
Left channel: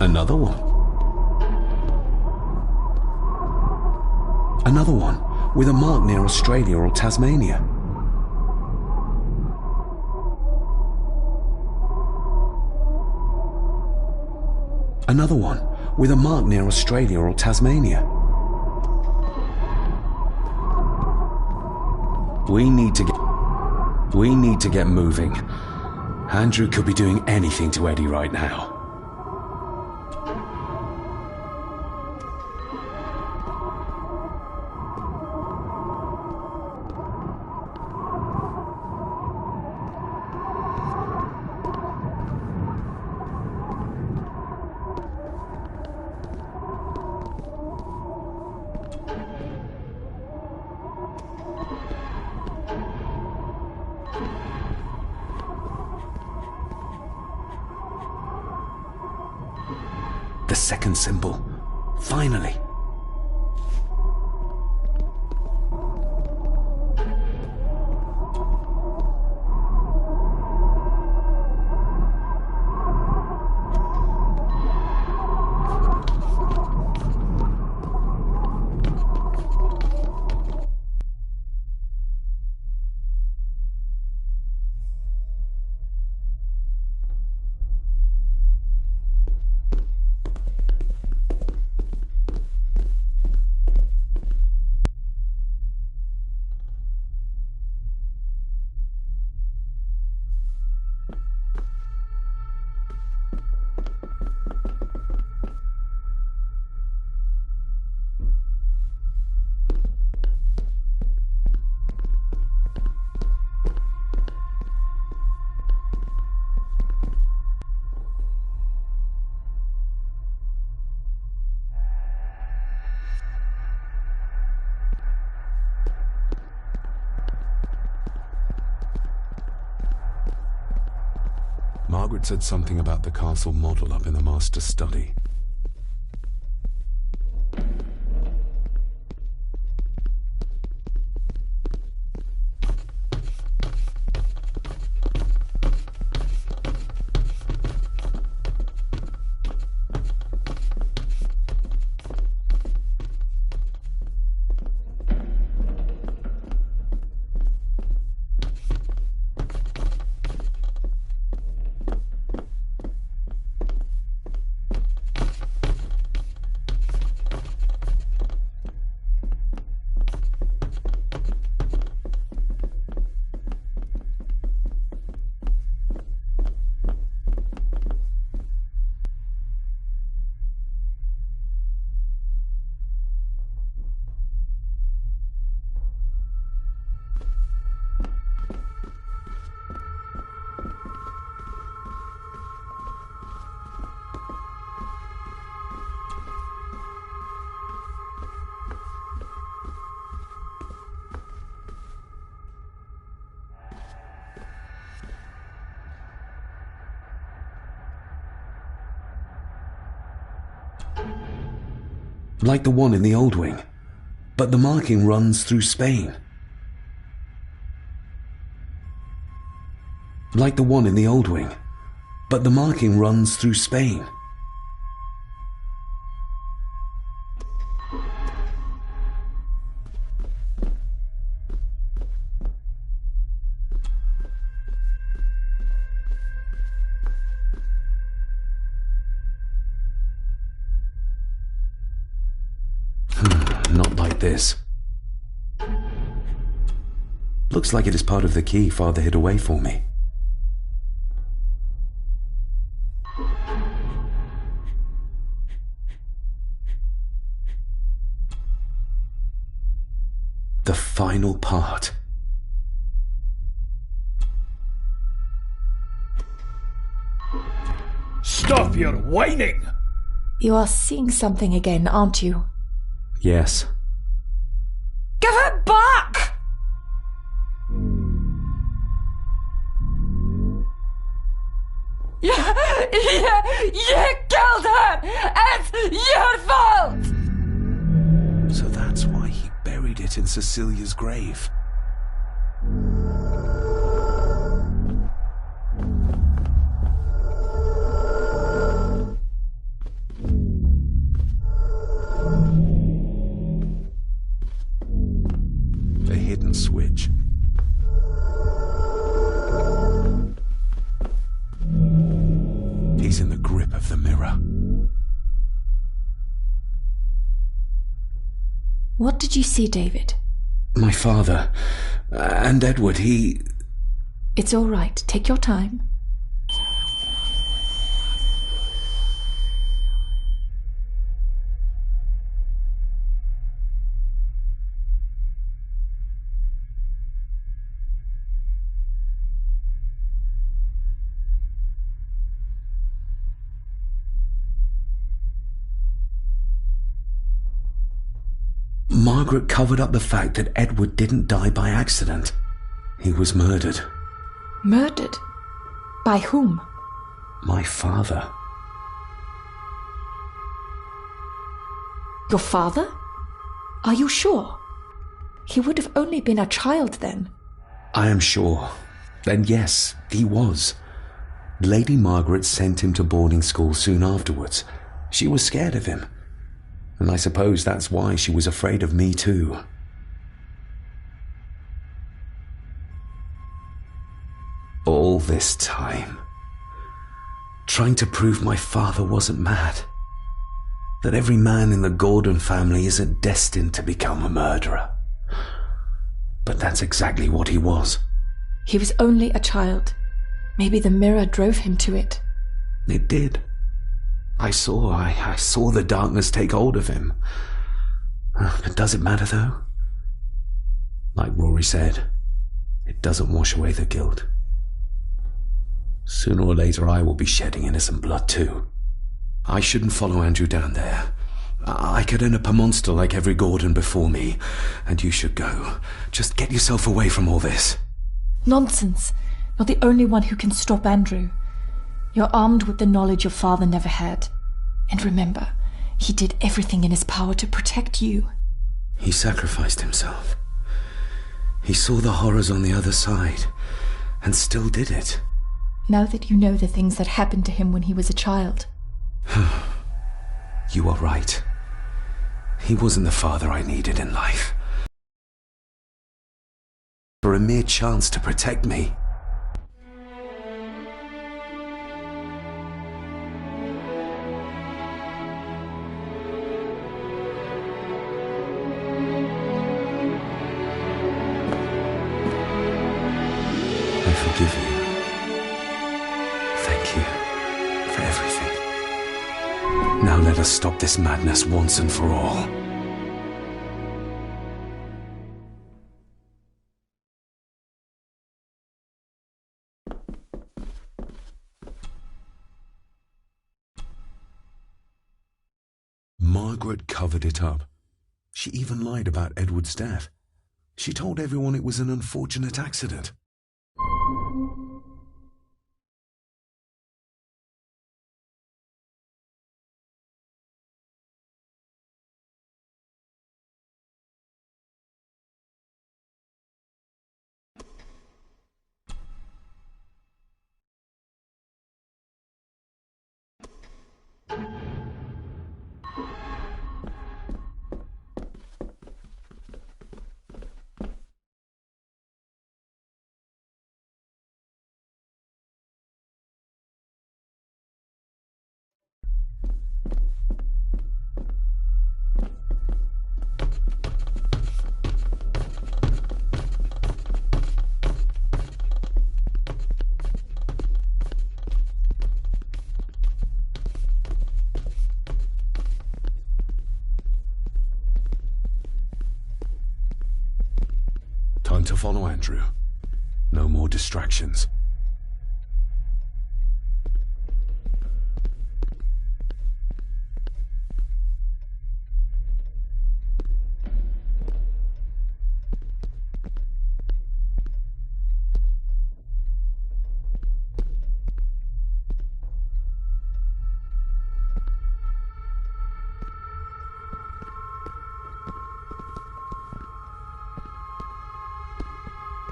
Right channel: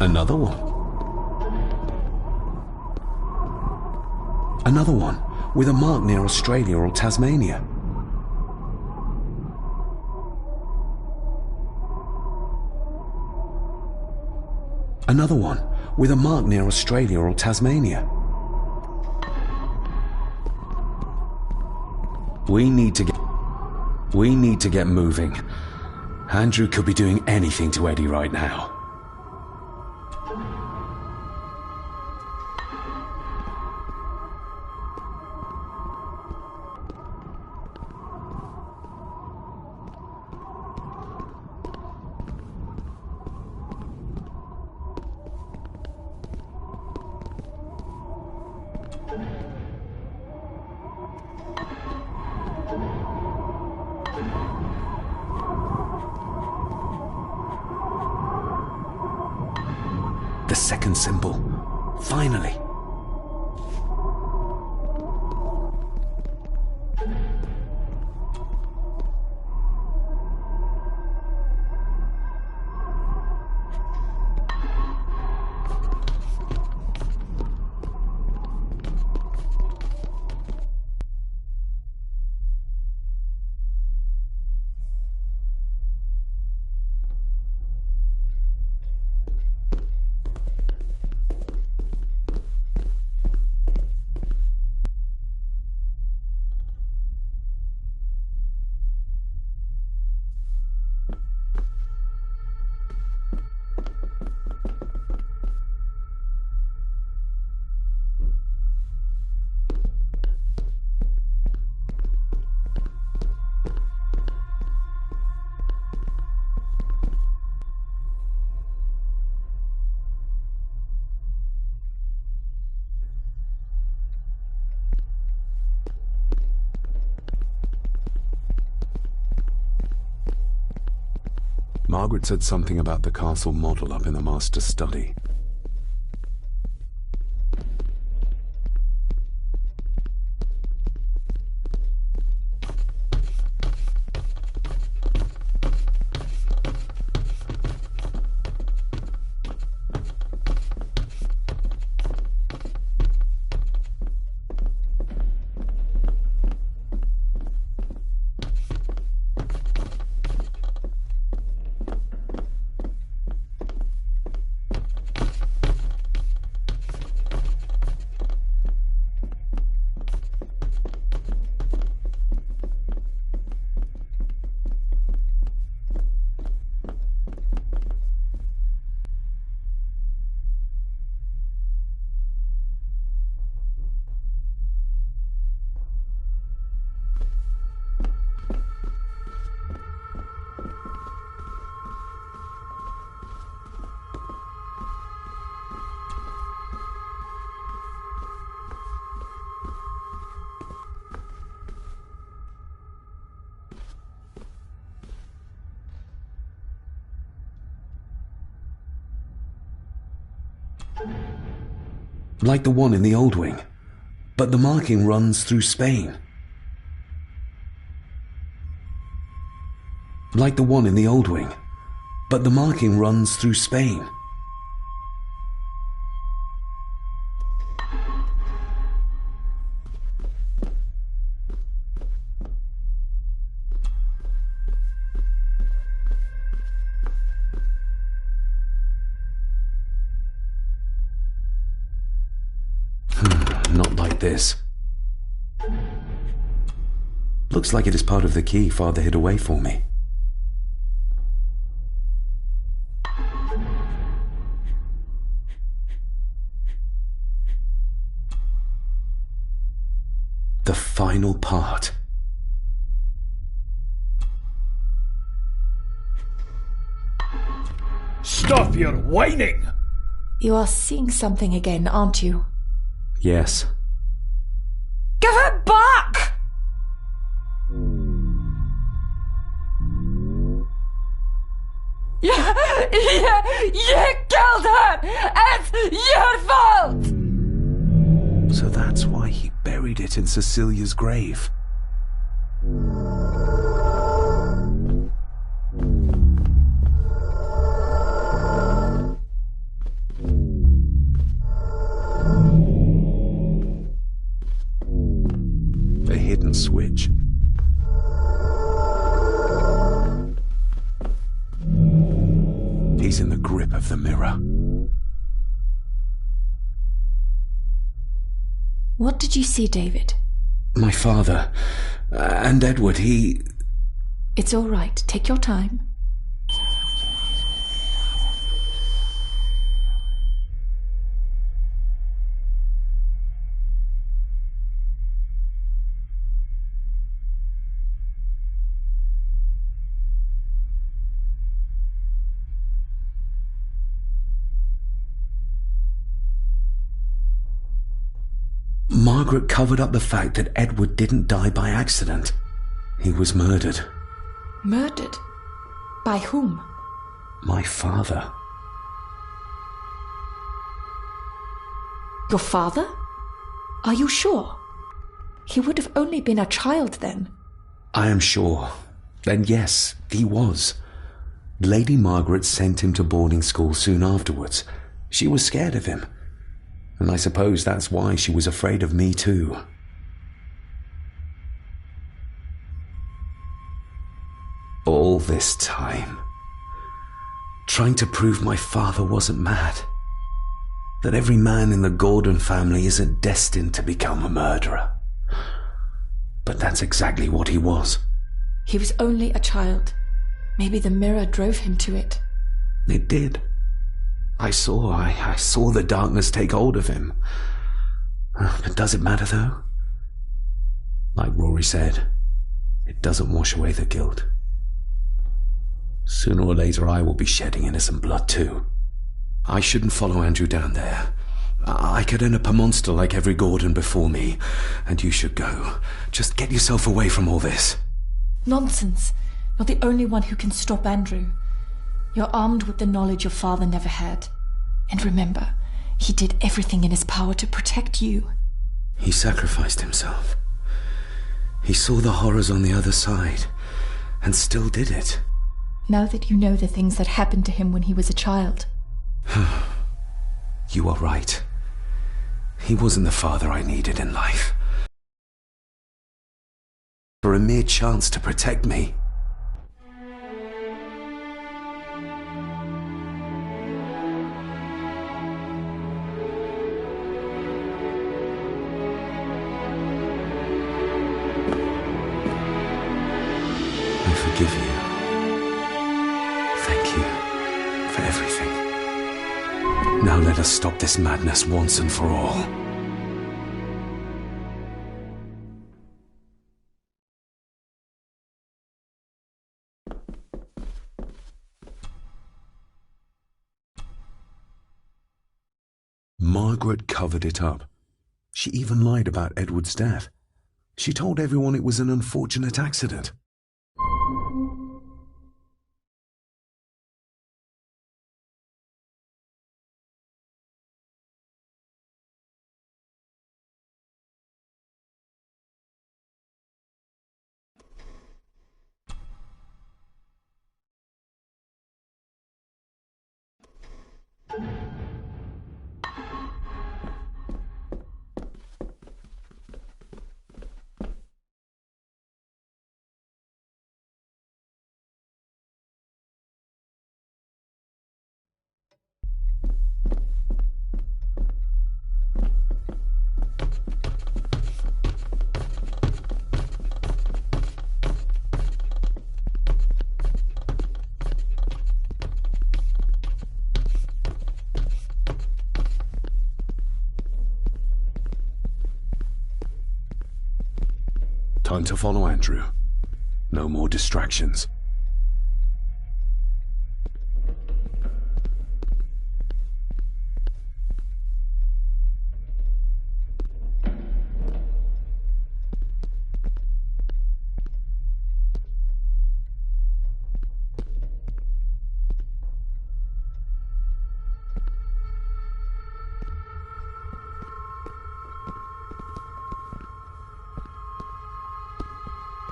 Another one. Another one, with a mark near Australia or Tasmania. Another one, with a mark near Australia or Tasmania. We need to get moving. Andrew could be doing anything to Eddie right now. The second symbol. Finally. Margaret said something about the castle model up in the master's study. Like the one in the old wing, but the marking runs through Spain. Like the one in the old wing, but the marking runs through Spain. Not like this. Looks like it is part of the key Father hid away for me. The final part. Stop your whining! You are seeing something again, aren't you? Yes. Give it back! You killed her! It's your fault! So that's why he buried it in Cecilia's grave. A hidden switch. He's in the grip of the mirror. What did you see, David? My father and Edward, It's all right. Take your time. Margaret covered up the fact that Edward didn't die by accident. He was murdered. Murdered? By whom? My father. Your father? Are you sure? He would have only been a child then. I am sure. Then yes, he was. Lady Margaret sent him to boarding school soon afterwards. She was scared of him. And I suppose that's why she was afraid of me too. All this time, trying to prove my father wasn't mad. That every man in the Gordon family isn't destined to become a murderer. But that's exactly what he was. He was only a child. Maybe the mirror drove him to it. It did. I saw the darkness take hold of him. But does it matter, though? Like Rory said, it doesn't wash away the guilt. Sooner or later I will be shedding innocent blood too. I shouldn't follow Andrew down there. I could end up a monster like every Gordon before me, and you should go. Just get yourself away from all this. Nonsense. You're the only one who can stop Andrew. You're armed with the knowledge your father never had. And remember, he did everything in his power to protect you. He sacrificed himself. He saw the horrors on the other side, and still did it. Now that you know the things that happened to him when he was a child. You are right. He wasn't the father I needed in life. For a mere chance to protect me. I forgive you. Thank you for everything. Now let us stop this madness once and for all. Margaret covered it up. She even lied about Edward's death. She told everyone it was an unfortunate accident. Time to follow Andrew. No more distractions.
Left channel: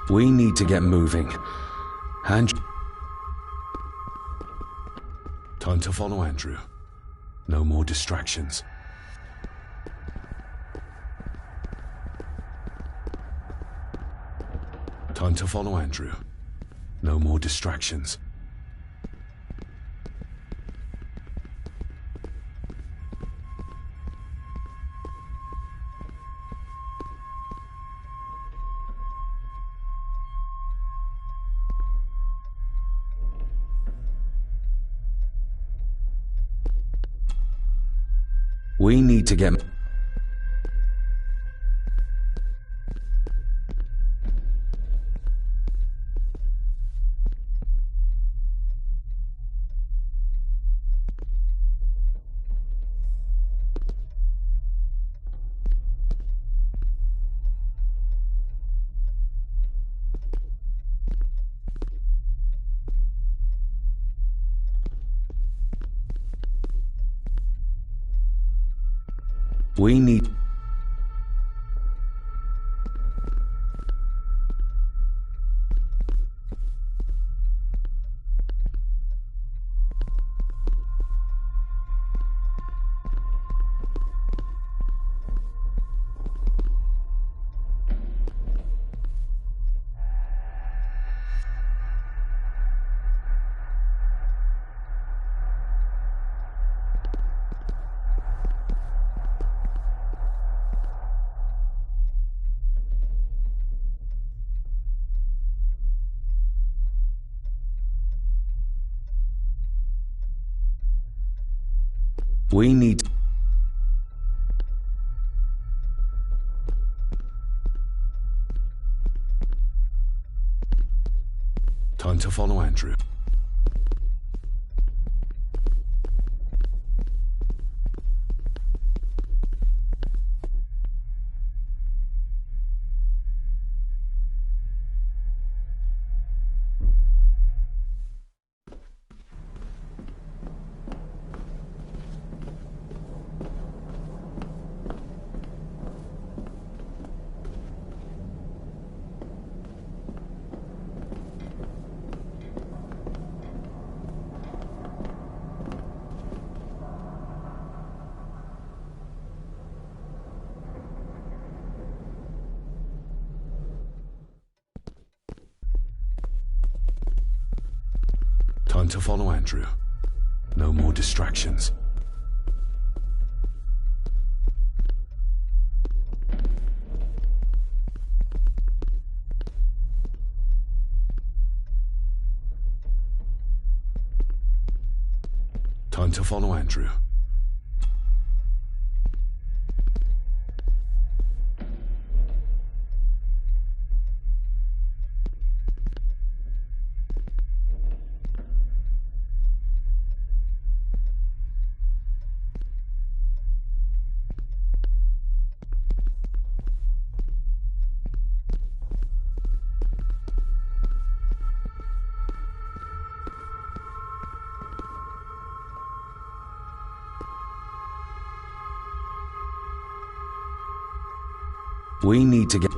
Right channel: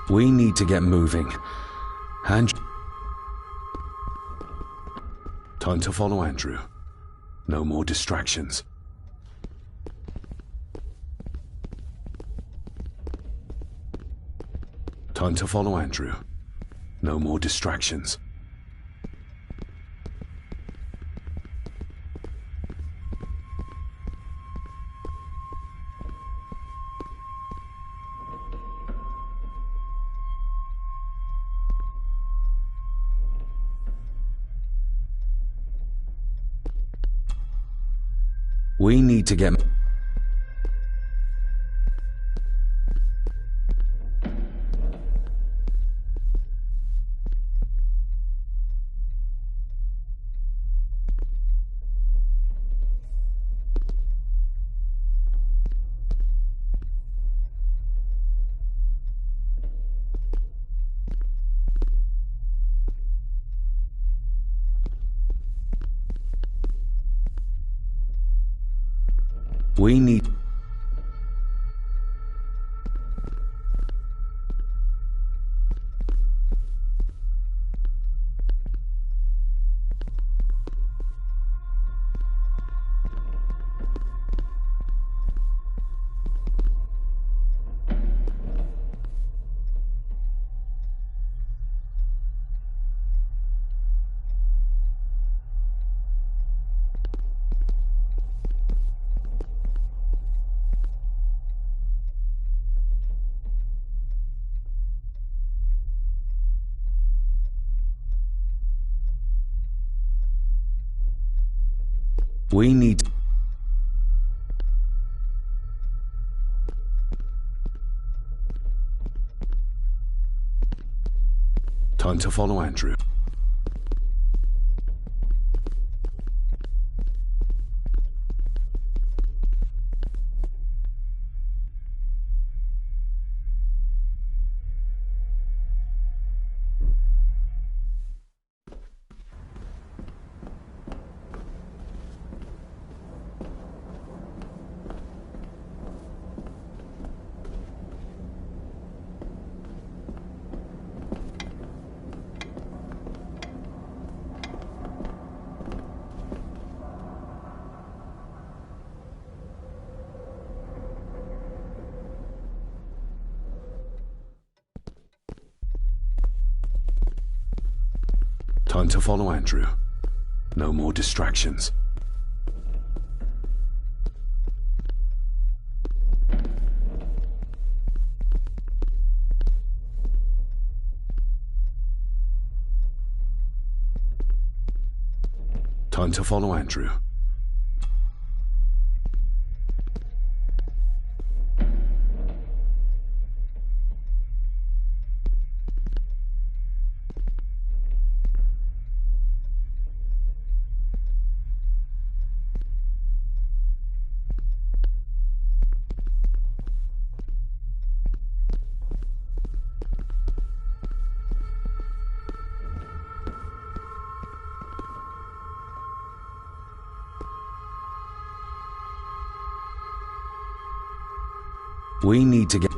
We need to get moving. Time to follow Andrew. No more distractions. Time to follow Andrew. No more distractions. We need to get... We need... We need... Time to follow Andrew. Time to follow Andrew. No more distractions. Time to follow Andrew. We need to get...